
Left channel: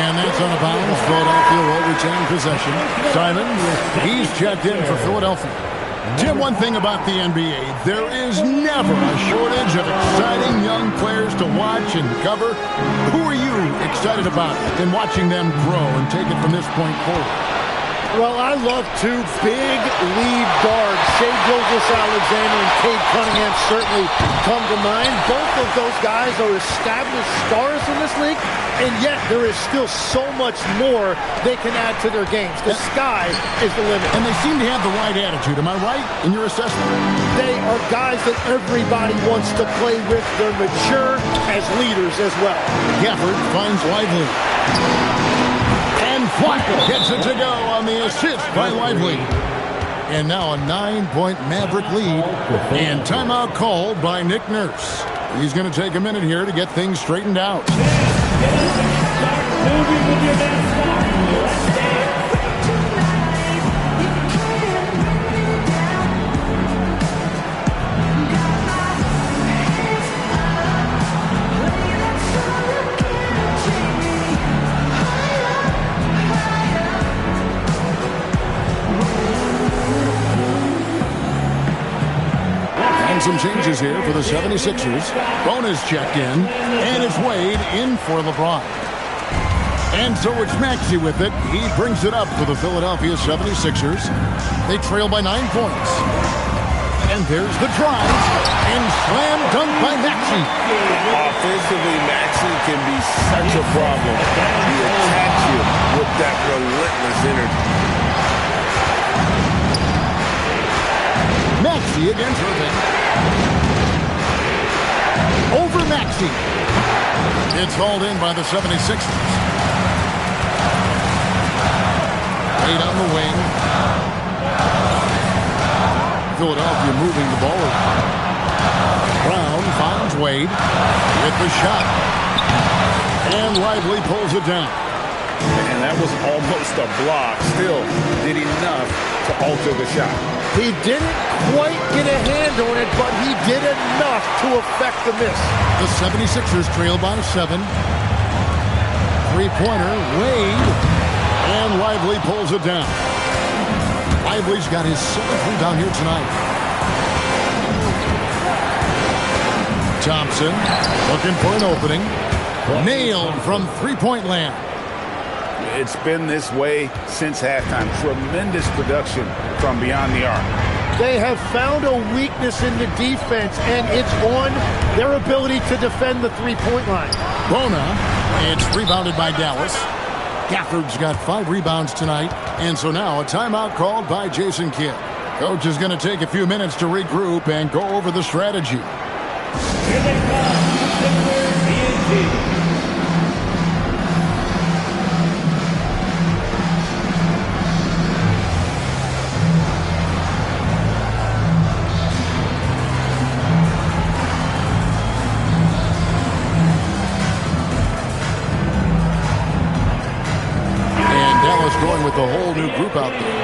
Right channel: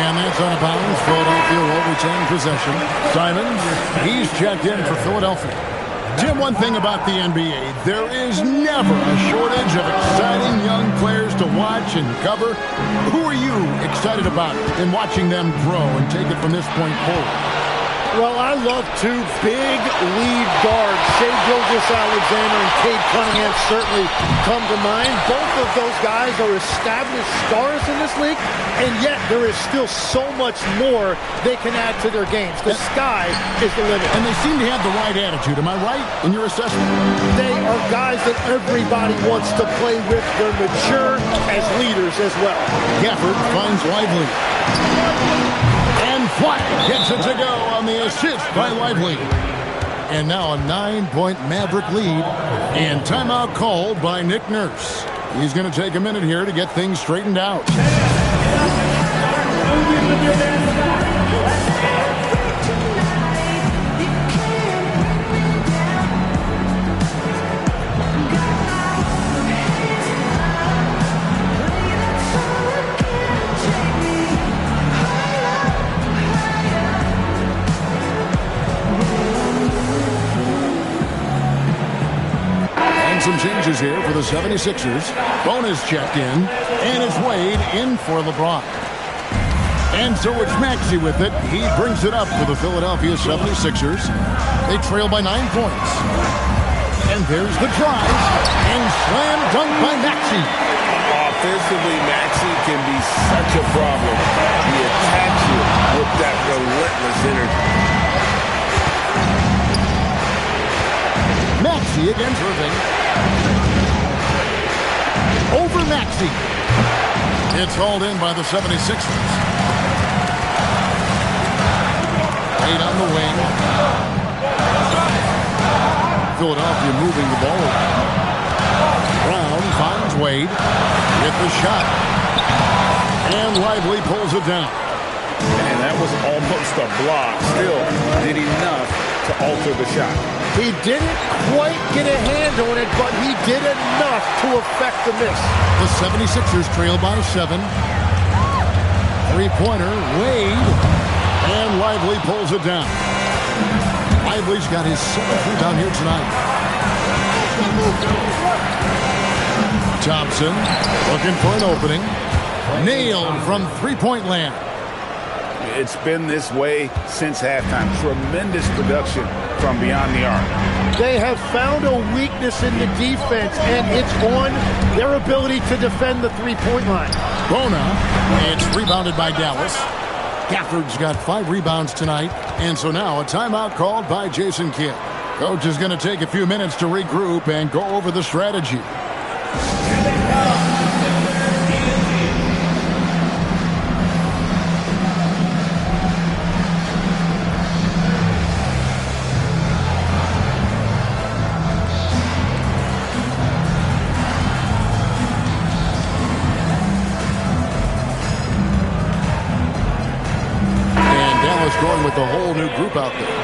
And that's on a bounce. Philadelphia will retain possession. Simons, he's checked in for Philadelphia. Tim, one thing about the NBA, there is never a shortage of exciting young players to watch and cover. Who are you excited about in watching them grow and take it from this point forward? Well, I love 2 big lead guards. Shai Gilgeous-Alexander and Cade Cunningham certainly come to mind. Both of those guys are established stars in this league, and yet there is still so much more they can add to their games. The sky is the limit. And they seem to have the right attitude. Am I right in your assessment? They are guys that everybody wants to play with. They're mature as leaders as well. Gafford finds Lively. And Flacco gets it to go on the assist by Lively. And now a 9-point Maverick lead. And timeout called by Nick Nurse. He's going to take a minute here to get things straightened out. Some changes here for the 76ers. Bonus checked in, and it's Wade in for LeBron. And so it's Maxey with it. He brings it up for the Philadelphia 76ers. They trail by 9 points. And there's the drive, and slam dunk by Maxey. Offensively, Maxey can be such a problem. He attacks you with that relentless energy. Maxey against Irving. Over Maxey. It's hauled in by the 76ers. Wade on the wing. Philadelphia moving the ball around. Brown finds Wade with the shot. And Lively pulls it down. And that was almost a block. Still did enough to alter the shot. He didn't quite get a hand on it, but he did enough to affect the miss. The 76ers trail by 7. Three-pointer, Wade. And Lively pulls it down. Lively's got his 7th rebound here tonight. Thompson looking for an opening. Nailed from three-point land. It's been this way since halftime. Tremendous production from beyond the arc. They have found a weakness in the defense, and it's on their ability to defend the three-point line. Bona, it's rebounded by Dallas. Gafford's got 5 rebounds tonight, and so now a timeout called by Jason Kidd. Coach is going to take a few minutes to regroup and go over the strategy. Dallas going with a whole new group out there.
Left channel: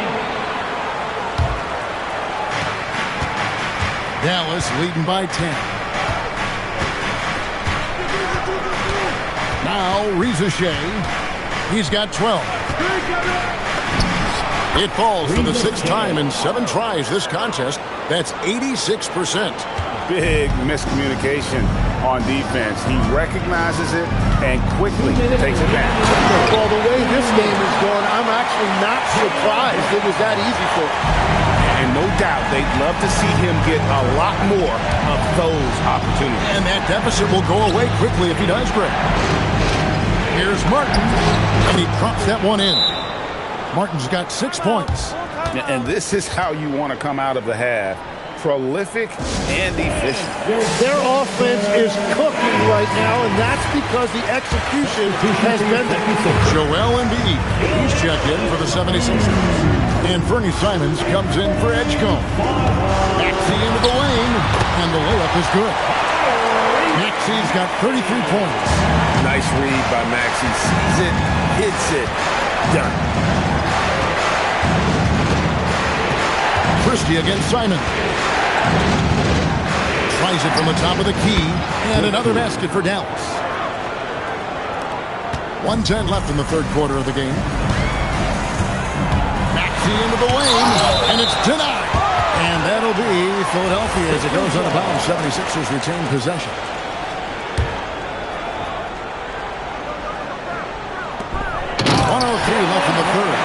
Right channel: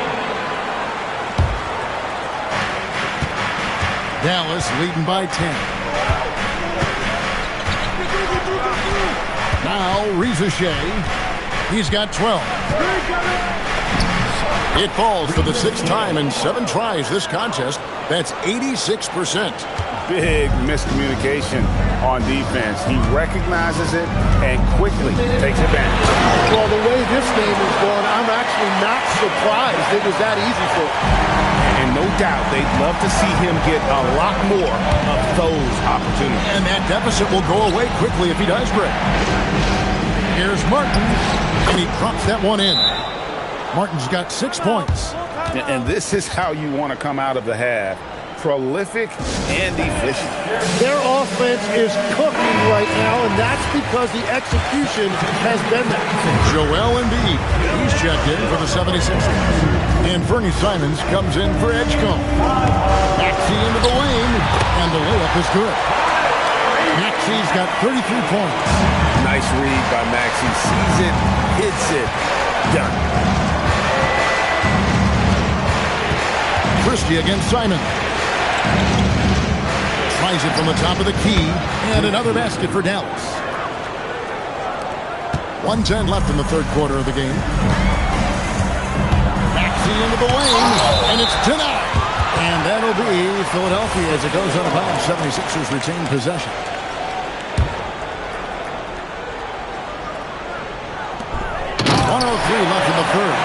Dallas leading by 10. Now Reza Shea. He's got 12. It falls for the 6th time in 7 tries this contest. That's 86%. big miscommunication on defense. He recognizes it and quickly takes advantage. Well, the way this game is going, I'm actually not surprised it was that easy for him. And no doubt they'd love to see him get a lot more of those opportunities. And that deficit will go away quickly if he does, Greg. Here's Martin, and he drops that one in. Martin's got 6 points. And this is how you want to come out of the half. Prolific and efficient. Their offense is cooking right now, and that's because the execution has been there. Joel Embiid, he's checked in for the 76ers. And Fernie Simons comes in for Edgecombe. Maxey into the lane, and the layup is good. Maxey's got 33 points. Nice read by Maxey. Sees it, hits it, done. Christie against Simon. Tries it from the top of the key, and another basket for Dallas. 1:10 left in the third quarter of the game. Maxey into the lane, and it's denied. And that'll be Philadelphia as it goes out of bounds. 76ers retain possession. .103 left in the third.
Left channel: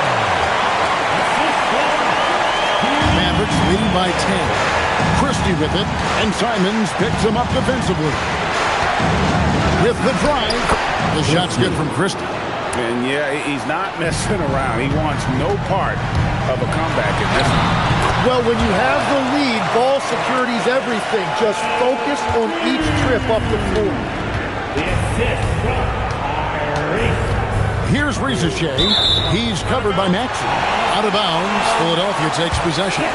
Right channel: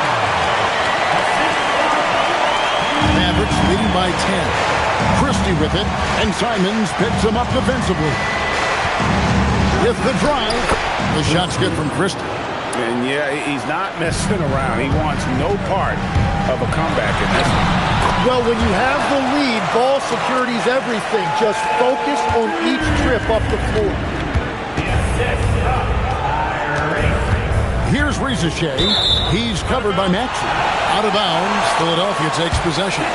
Mavericks leading by 10. Christie with it, and Simons picks him up defensively. With the drive, the shot's good from Christie. And yeah, he's not messing around. He wants no part of a comeback in this one. Well, when you have the lead, ball security's everything. Just focus on each trip up the floor. Here's Rizachet. He's covered by Maxey. Out of bounds, Philadelphia takes possession.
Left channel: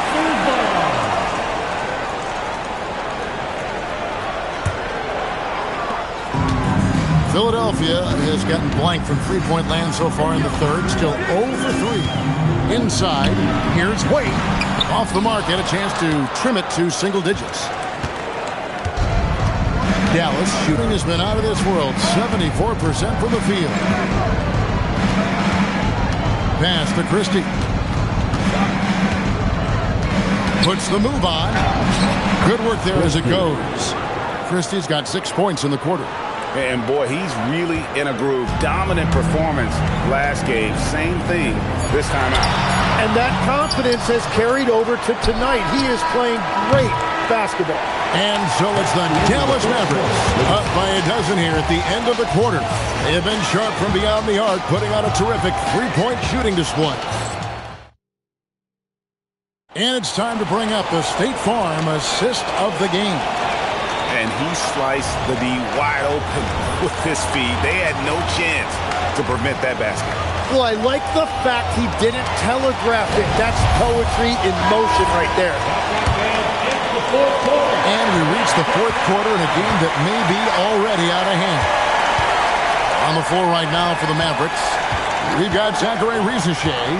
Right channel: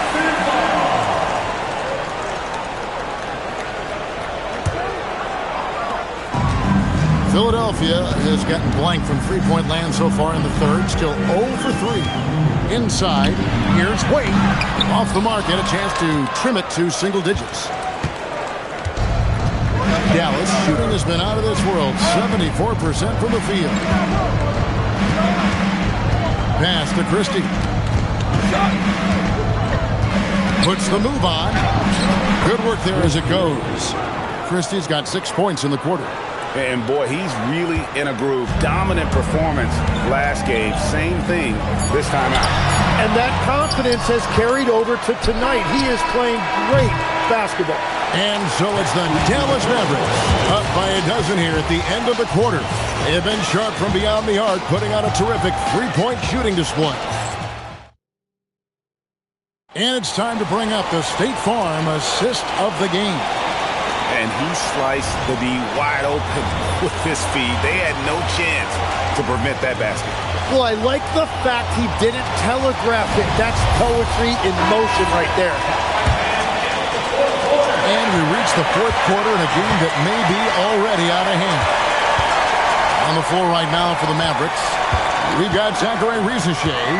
Philadelphia has gotten blank from three-point land so far in the third. Still 0 for 3. Inside, here's Wade. Off the mark, and a chance to trim it to single digits. Dallas shooting has been out of this world. 74% from the field. Pass to Christie. Puts the move on. Good work there as it goes. Christie's got 6 points in the quarter. And boy, he's really in a groove. Dominant performance last game. Same thing this time out. And that confidence has carried over to tonight. He is playing great basketball. And so it's the Dallas Mavericks up by a dozen here at the end of the quarter. They have been sharp from beyond the arc, putting on a terrific three-point shooting display. And it's time to bring up the State Farm assist of the game. And he sliced the D wide open with his feed. They had no chance to prevent that basket. Well, I like the fact he didn't telegraph it. That's poetry in motion right there. And we reach the fourth quarter in a game that may be already out of hand. On the floor right now for the Mavericks, we've got Zachary Rizachet.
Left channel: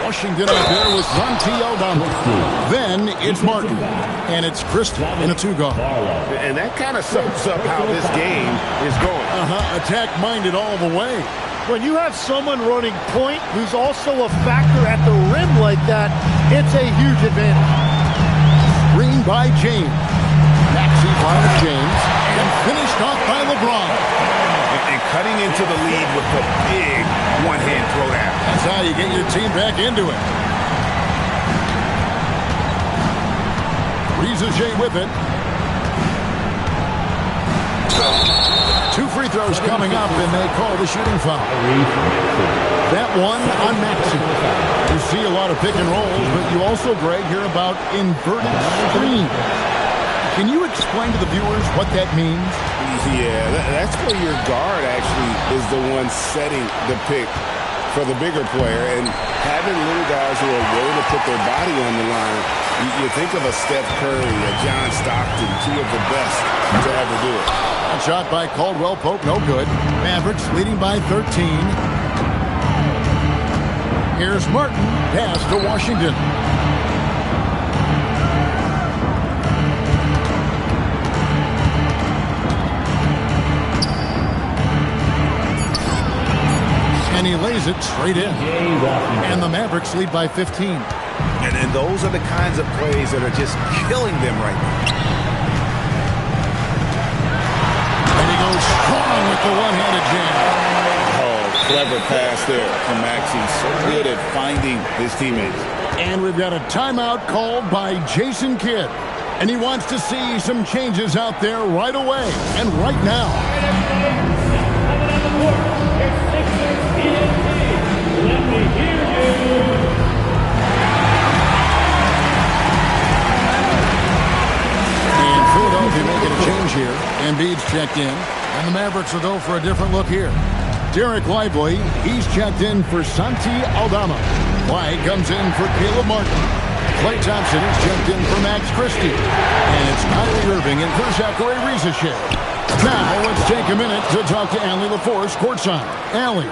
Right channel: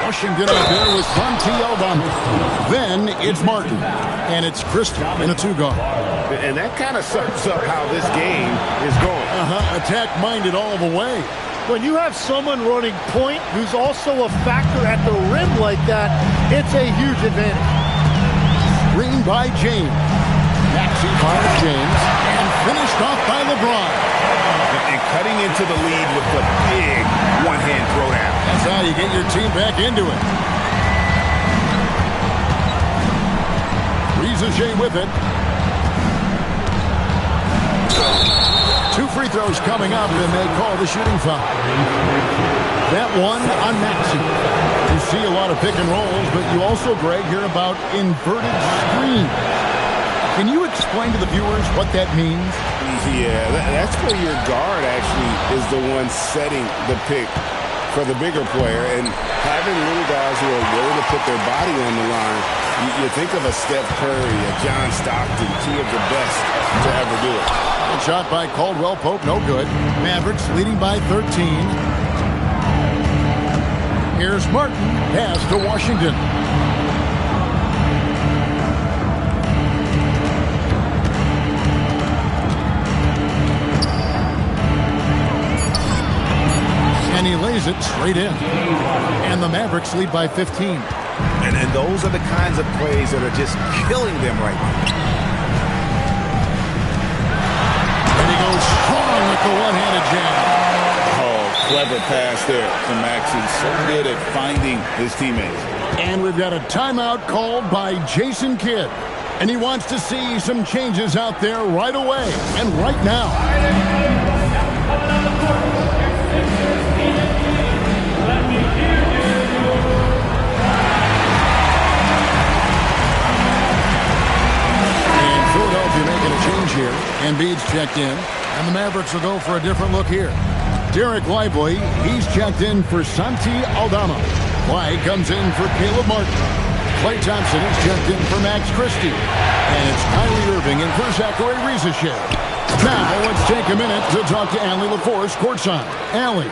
Washington out there with Santi Aldama. Then it's Martin. And it's Christie in a two-guard. And that kind of sums up how this game is going. Attack-minded all the way. When you have someone running point who's also a factor at the rim like that, it's a huge advantage. Screen by James. Maxey finds James. And finished off by LeBron. And cutting into the lead with the big one-hand throwdown. That's how you get your team back into it. Rizachet with it. 2 free throws coming up, and they call the shooting foul. That one on Maxey. You see a lot of pick and rolls, but you also, Greg, hear about inverted screens. Can you explain to the viewers what that means? Yeah, that's where your guard actually is the one setting the pick for the bigger player. And having little guys who are willing to put their body on the line, you think of a Steph Curry, a John Stockton, 2 of the best to ever do it. A shot by Caldwell Pope, no good. Mavericks leading by 13. Here's Martin, pass to Washington. And he lays it straight in. And the Mavericks lead by 15. And those are the kinds of plays that are just killing them right now. goes strong with the one-handed jam. Oh, clever pass there from Maxey. So good at finding his teammates. And we've got a timeout called by Jason Kidd. And he wants to see some changes out there right away and right now. Coming on the court, your Sixers TNT. Let me hear you. And Philadelphia making a change here. Embiid's checked in. And the Mavericks will go for a different look here. Derek Lively, he's checked in for Santi Aldama. Clyde comes in for Caleb Martin. Klay Thompson is checked in for Max Christie. And it's Kyrie Irving in for Zachary Rizachet. Now let's take a minute to talk to Allie LaForce courtside. Allie.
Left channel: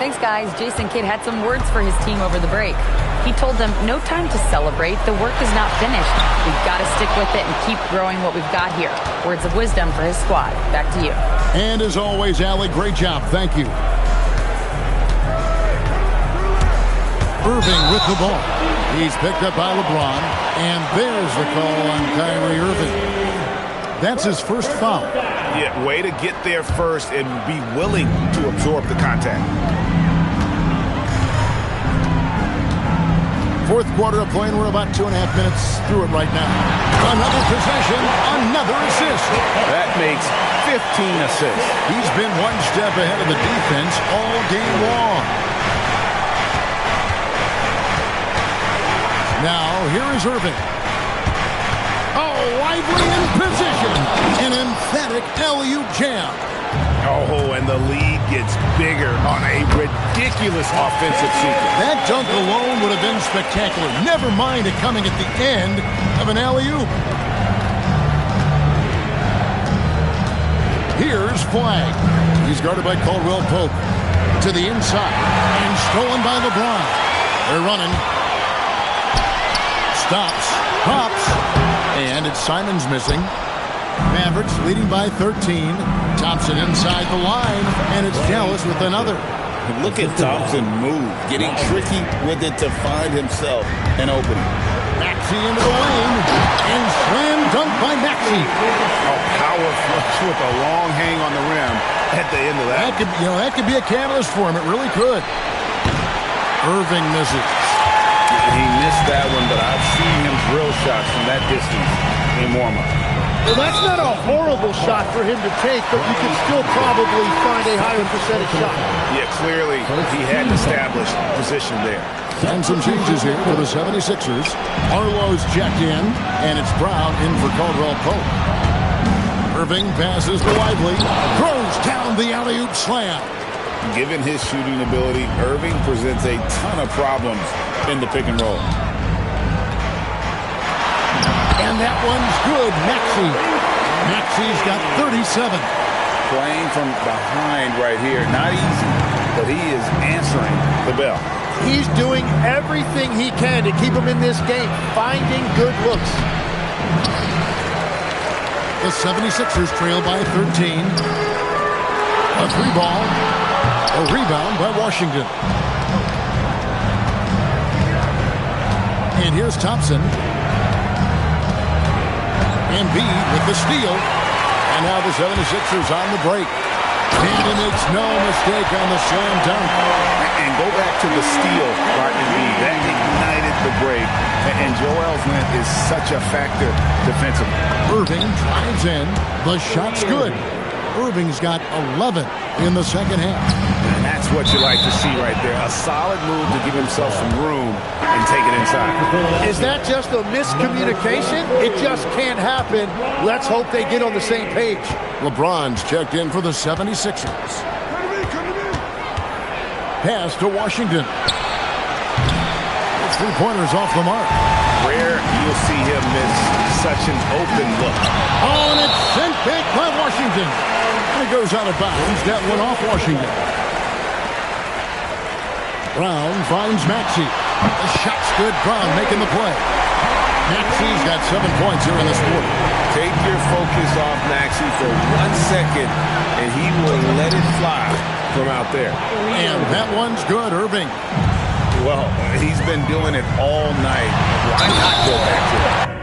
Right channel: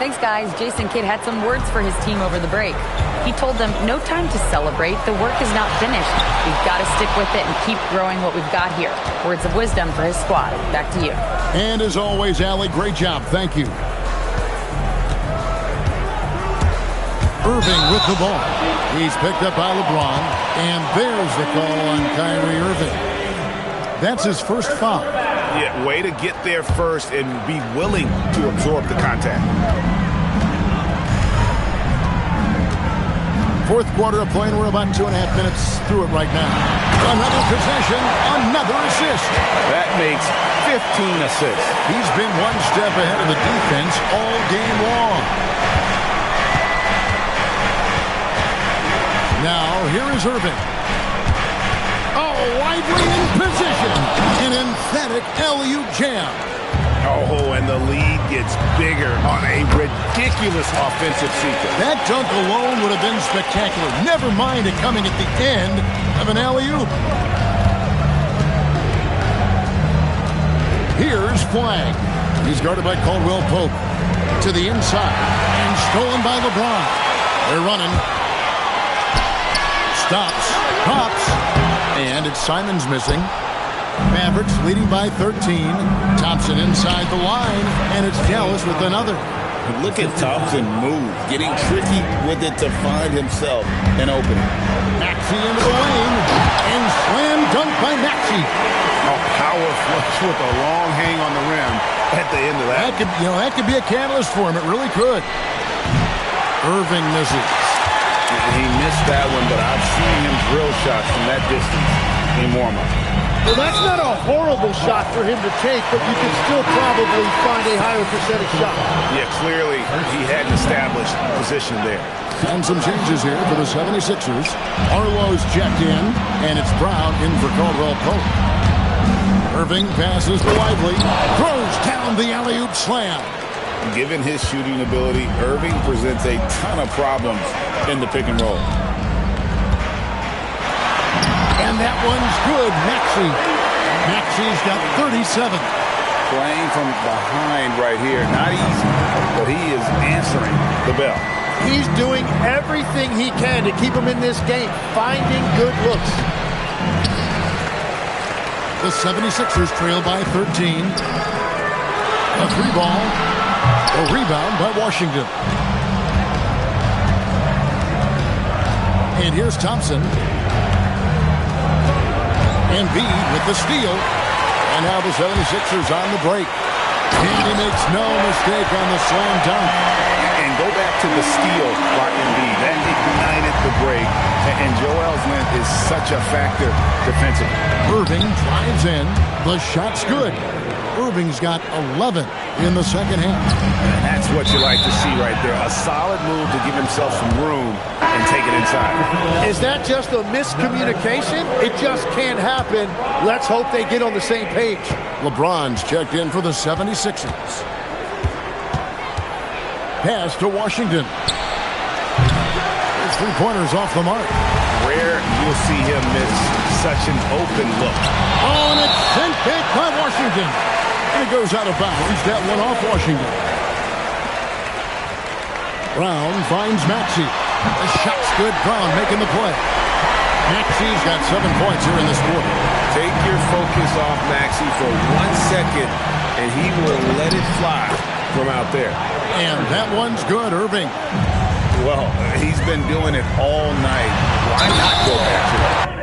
Thanks, guys. Jason Kidd had some words for his team over the break. He told them, no time to celebrate. The work is not finished. We've got to stick with it and keep growing what we've got here. Words of wisdom for his squad. Back to you. And as always, Allie, great job. Thank you. Irving with the ball. He's picked up by LeBron. And there's the call on Kyrie Irving. That's his first foul. Yeah, way to get there first and be willing to absorb the contact. Fourth quarter of play, and we're about 2.5 minutes through it right now. Another possession, another assist. That makes 15 assists. He's been one step ahead of the defense all game long. Now, here is Irving. Oh, Lively in position. An emphatic alley-oop jam. Oh, and the lead gets bigger on a ridiculous offensive sequence. That dunk alone would have been spectacular. Never mind it coming at the end of an alley-oop. Here's Flagg. He's guarded by Caldwell Pope. To the inside. And stolen by LeBron. They're running. Stops. Pops. And it's Simons missing. Mavericks leading by 13. Thompson inside the line. And it's Dallas with another. Look at Thompson move. Getting tricky with it to find himself an opening. Maxey into the lane. And slam dunk by Maxey. Oh, power flush with a long hang on the rim at the end of that. That could be a catalyst for him. It really could. Irving misses. He missed that one, but I've seen him drill shots from that distance in warm-up. Well, that's not a horrible shot for him to take, but you can still probably find a higher percentage shot. Yeah, clearly he had an established position there. And some changes here for the 76ers. Arlo's checked in, and it's Brown in for Caldwell Pope. Irving passes to Lively, throws down the alley-oop slam. Given his shooting ability, Irving presents a ton of problems in the pick and roll. And that one's good. Maxey's got 37. Playing from behind right here. Not easy, but he is answering the bell. He's doing everything he can to keep him in this game, finding good looks. The 76ers trail by 13. A three ball. A rebound by Washington. And here's Thompson. Embiid with the steal. And now the 76ers on the break. And he makes no mistake on the slam dunk. And go back to the steal by Embiid. That ignited the break. And Joel's length is such a factor defensively. Irving drives in. The shot's good. Irving's got 11 in the second half. And that's what you like to see right there. A solid move to give himself some room and take it inside. Is that just a miscommunication? It just can't happen. Let's hope they get on the same page. LeBron's checked in for the 76ers. Pass to Washington. It's three-pointers off the mark. Rare you'll see him miss such an open look. Oh, and it's sent back by Washington. And it goes out of bounds. That one off Washington. Brown finds Maxey. The shot's good. Brown making the play. Maxey's got 7 points here in this quarter. Take your focus off Maxey for 1 second, and he will let it fly from out there. And that one's good, Irving. Well, he's been doing it all night. Why not go back to it?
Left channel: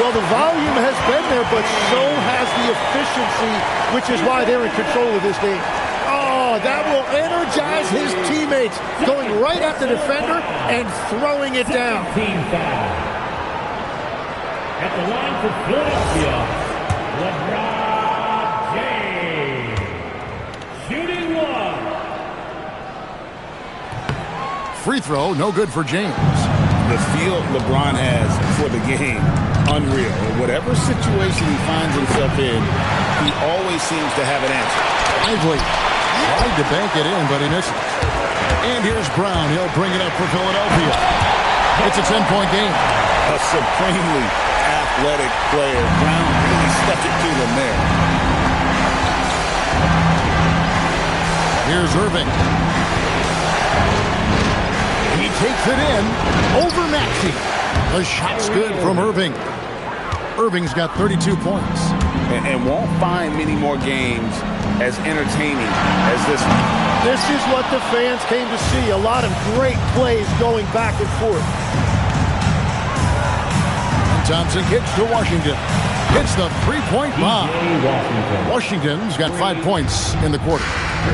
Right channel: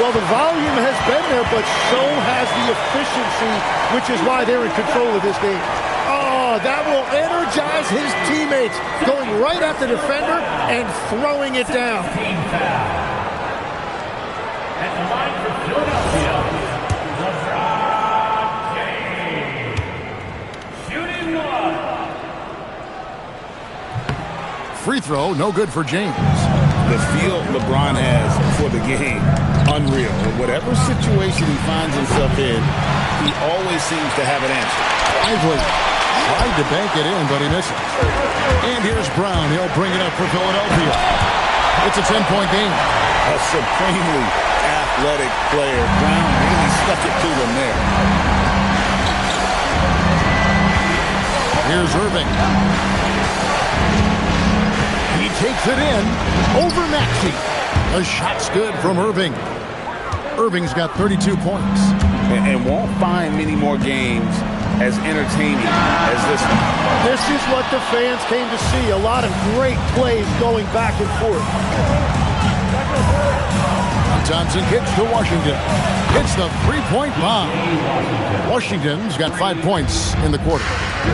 Well, the volume has been there, but so has the efficiency, which is why they're in control of this game. Oh, that will energize his teammates, going right at the defender and throwing it down. Team foul. At the line for Philadelphia, LeBron James. Shooting one. Free throw, no good for James. The feel LeBron has for the game, unreal. In whatever situation he finds himself in, he always seems to have an answer. Lively tried to bank it in, but he misses. And here's Brown. He'll bring it up for Philadelphia. It's a 10-point game. A supremely athletic player. Brown really stuck it to them there. Here's Irving. He takes it in over Maxey. The shot's good from Irving. Irving's got 32 points. And won't find many more games as entertaining as this one. This is what the fans came to see. A lot of great plays going back and forth. And Thompson kicks to Washington. Hits the three-point bomb. Washington's got 5 points in the quarter.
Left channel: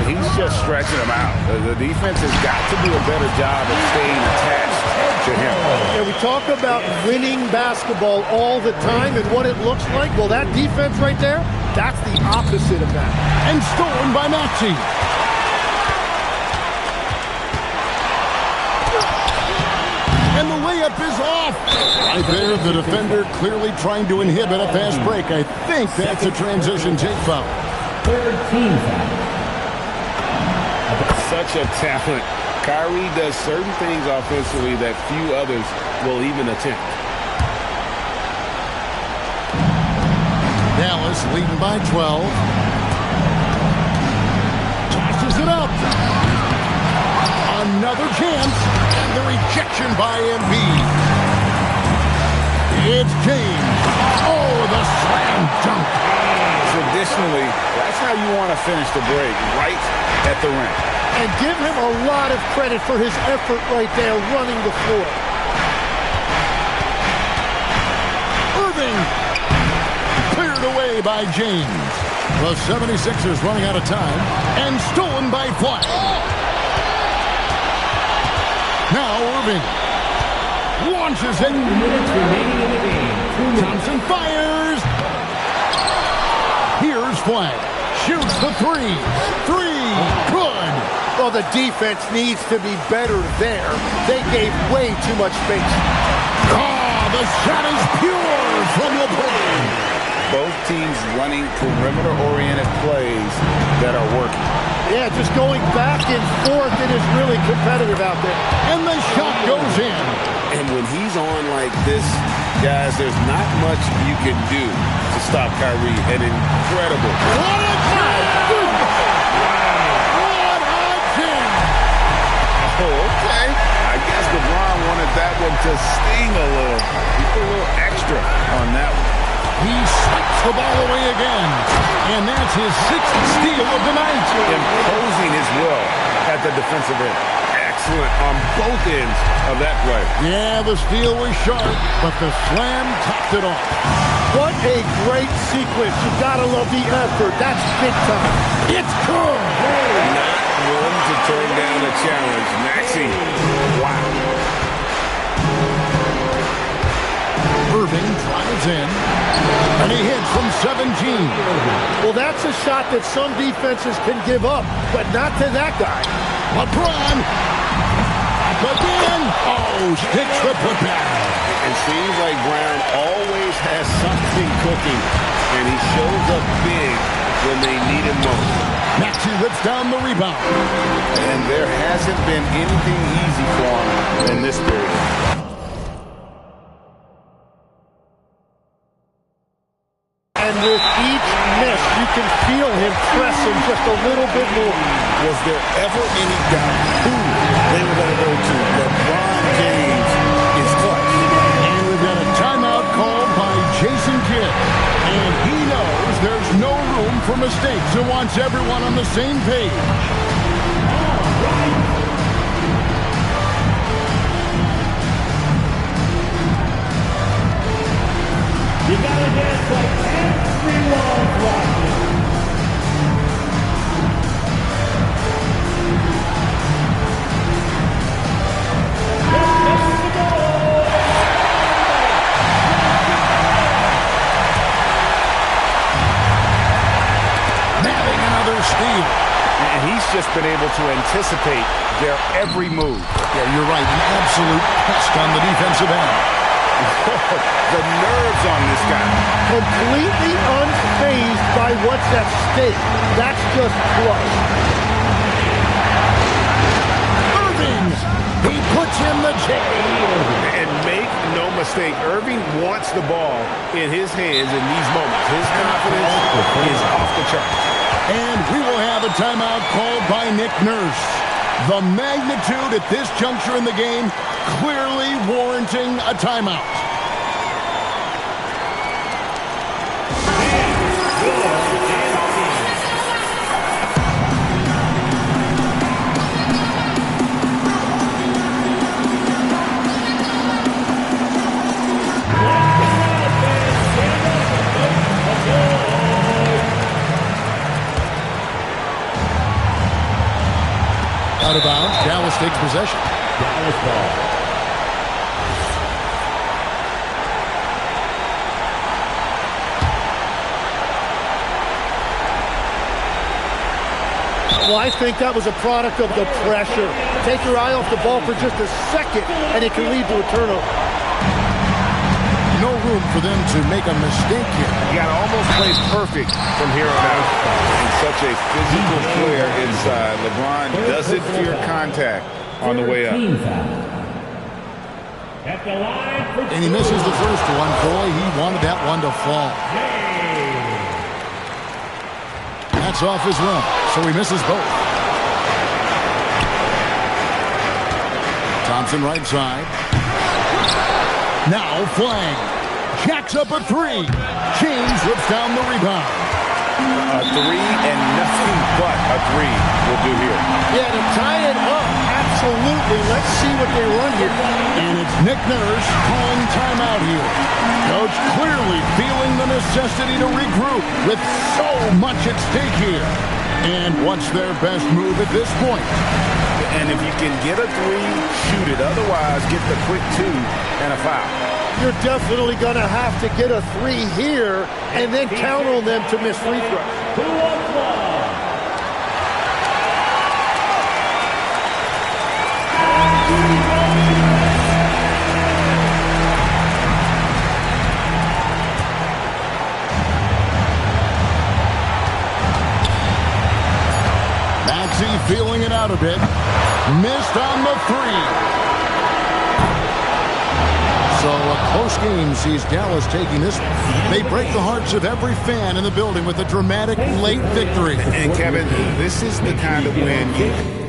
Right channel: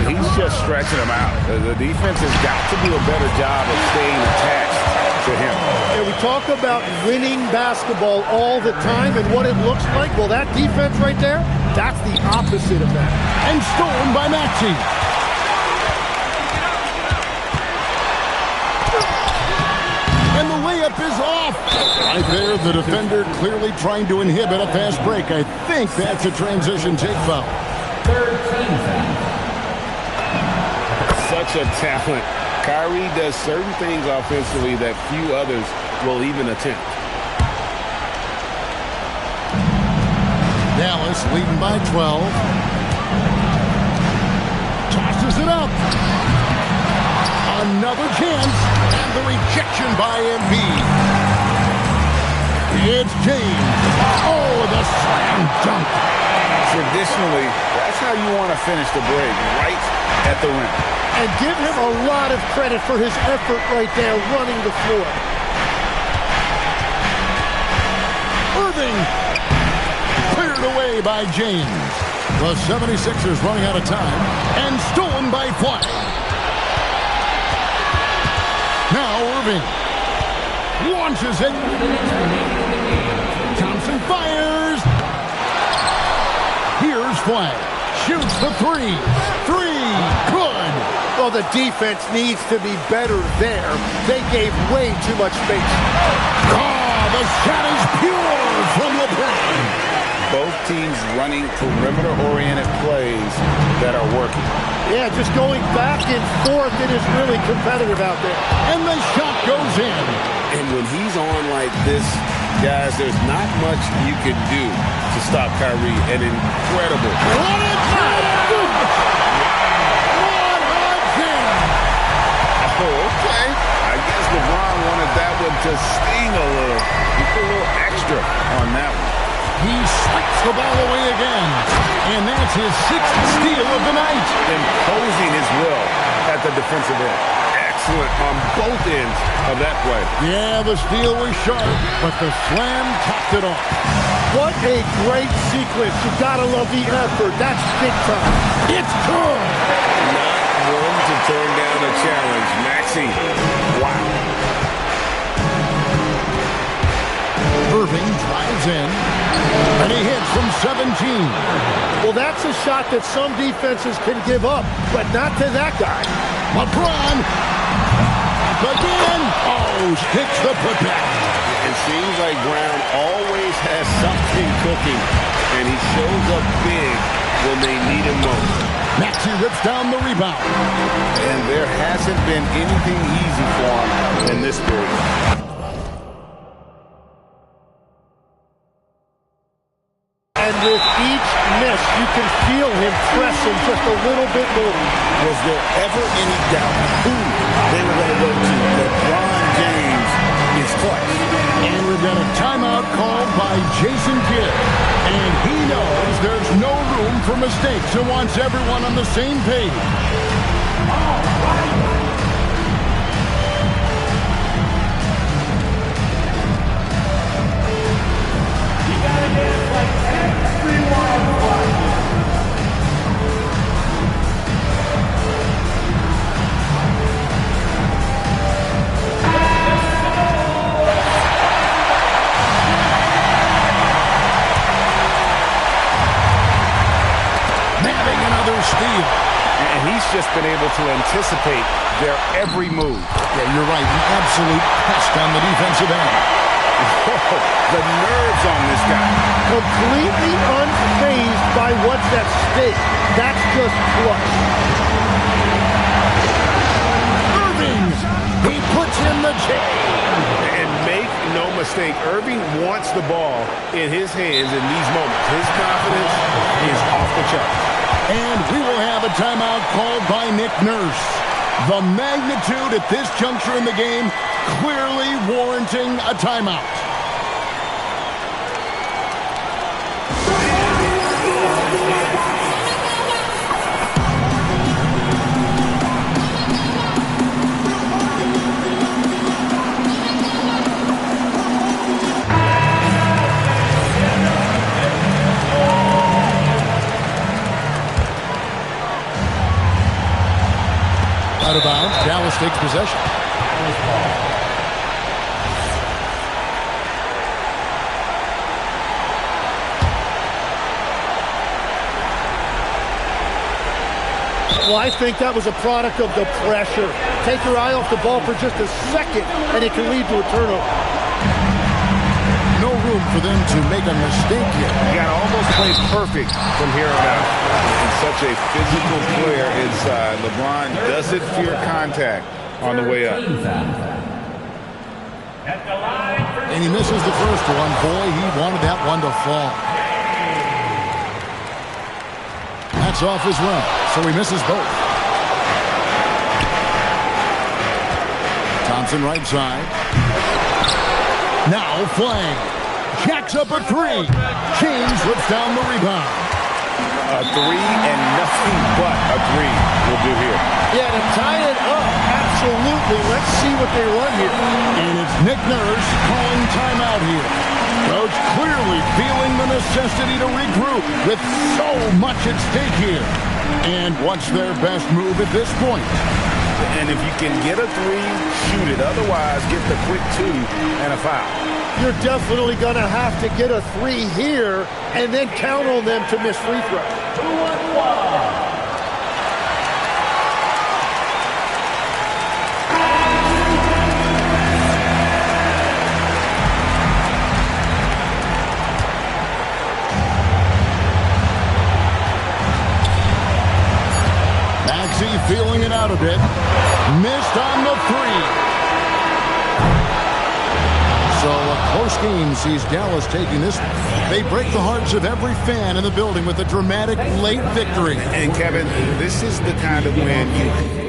He's just stretching them out. The defense has got to do a better job of staying attached to him. And we talk about winning basketball all the time and what it looks like. Well, that defense right there, that's the opposite of that. And stolen by Maxey. And the layup is off. Right there, the defender clearly trying to inhibit a fast break. I think that's a transition take foul. Third team foul. Such a talent. Kyrie does certain things offensively that few others will even attempt. Dallas leading by 12. Tosses it up. Another chance. And the rejection by Embiid. It's James. Oh, the slam dunk. Traditionally, that's how you want to finish the break, right at the rim. And give him a lot of credit for his effort right there running the floor. Irving cleared away by James. The 76ers running out of time and stolen by Flag. Now Irving launches it. Thompson fires. Here's Flag. Shoots the three. Good. Well, the defense needs to be better there. They gave way too much space. Oh, the shot is pure from LeBron. Both teams running perimeter-oriented plays that are working. Yeah, just going back and forth, it is really competitive out there. And the shot goes in. And when he's on like this, guys, there's not much you can do to stop Kyrie. An incredible. What a jam! What a jam! Oh, okay. I guess LeBron wanted that one to sting a little. He put a little extra on that one. He swipes the ball away again. And that's his 6th steal of the night. Imposing his will at the defensive end. Excellent on both ends of that play. Yeah, the steal was sharp, but the slam topped it off. What a great sequence. You gotta love the effort. That's big time. It's good. Not one to turn down a challenge. Maxey. Wow. Irving drives in, and he hits from 17. Well, that's a shot that some defenses can give up, but not to that guy. LeBron. Up again. Oh, sticks the putback. It seems like Brown always has something cooking, and he shows up big when they need him most. Maxey rips down the rebound. And there hasn't been anything easy for him in this period. And with each miss, you can feel him pressing just a little bit more. Was there ever any doubt who they were going to go to? LeBron James is clutch. And we've got a timeout called by Jason Kidd. And he knows there's no room for mistakes and wants everyone on the same page. steal. And he's just been able to anticipate their every move. Yeah, you're right. An absolute pest on the defensive end. Whoa, the nerves on this guy. Completely unfazed by what's at stake. That's just clutch. Irving, he puts in the J. And make no mistake, Irving wants the ball in his hands in these moments. His confidence is off the charts. And we will have a timeout called by Nick Nurse. The magnitude at this juncture in the game clearly warranting a timeout. Out of bounds, Dallas takes possession. Dallas ball. Well, I think that was a product of the pressure. Take your eye off the ball for just a second, and it can lead to a turnover. No room for them to make a mistake here. You got to almost play perfect from here on out. And such a physical player inside. LeBron doesn't fear contact on the way up. At the line for And he misses the first one. Boy, he wanted that one to fall. That's off as well, so he misses both. Thompson right side. Now Flag jacks up a three. James rips down the rebound. A three and nothing but a three will do here. Yeah, to tie it up, absolutely. Let's see what they run here. And it's Nick Nurse calling timeout here. Coach clearly feeling the necessity to regroup with so much at stake here. And what's their best move at this point? And if you can get a three, shoot it. Otherwise, get the quick two and a foul. You're definitely going to have to get a three here and then count on them to miss free throws. 2-1-1. Maxey feeling it out a bit. Missed on the three. So a close game sees Dallas taking this. They break the hearts of every fan in the building with a dramatic late victory. And Kevin, this is the kind of win you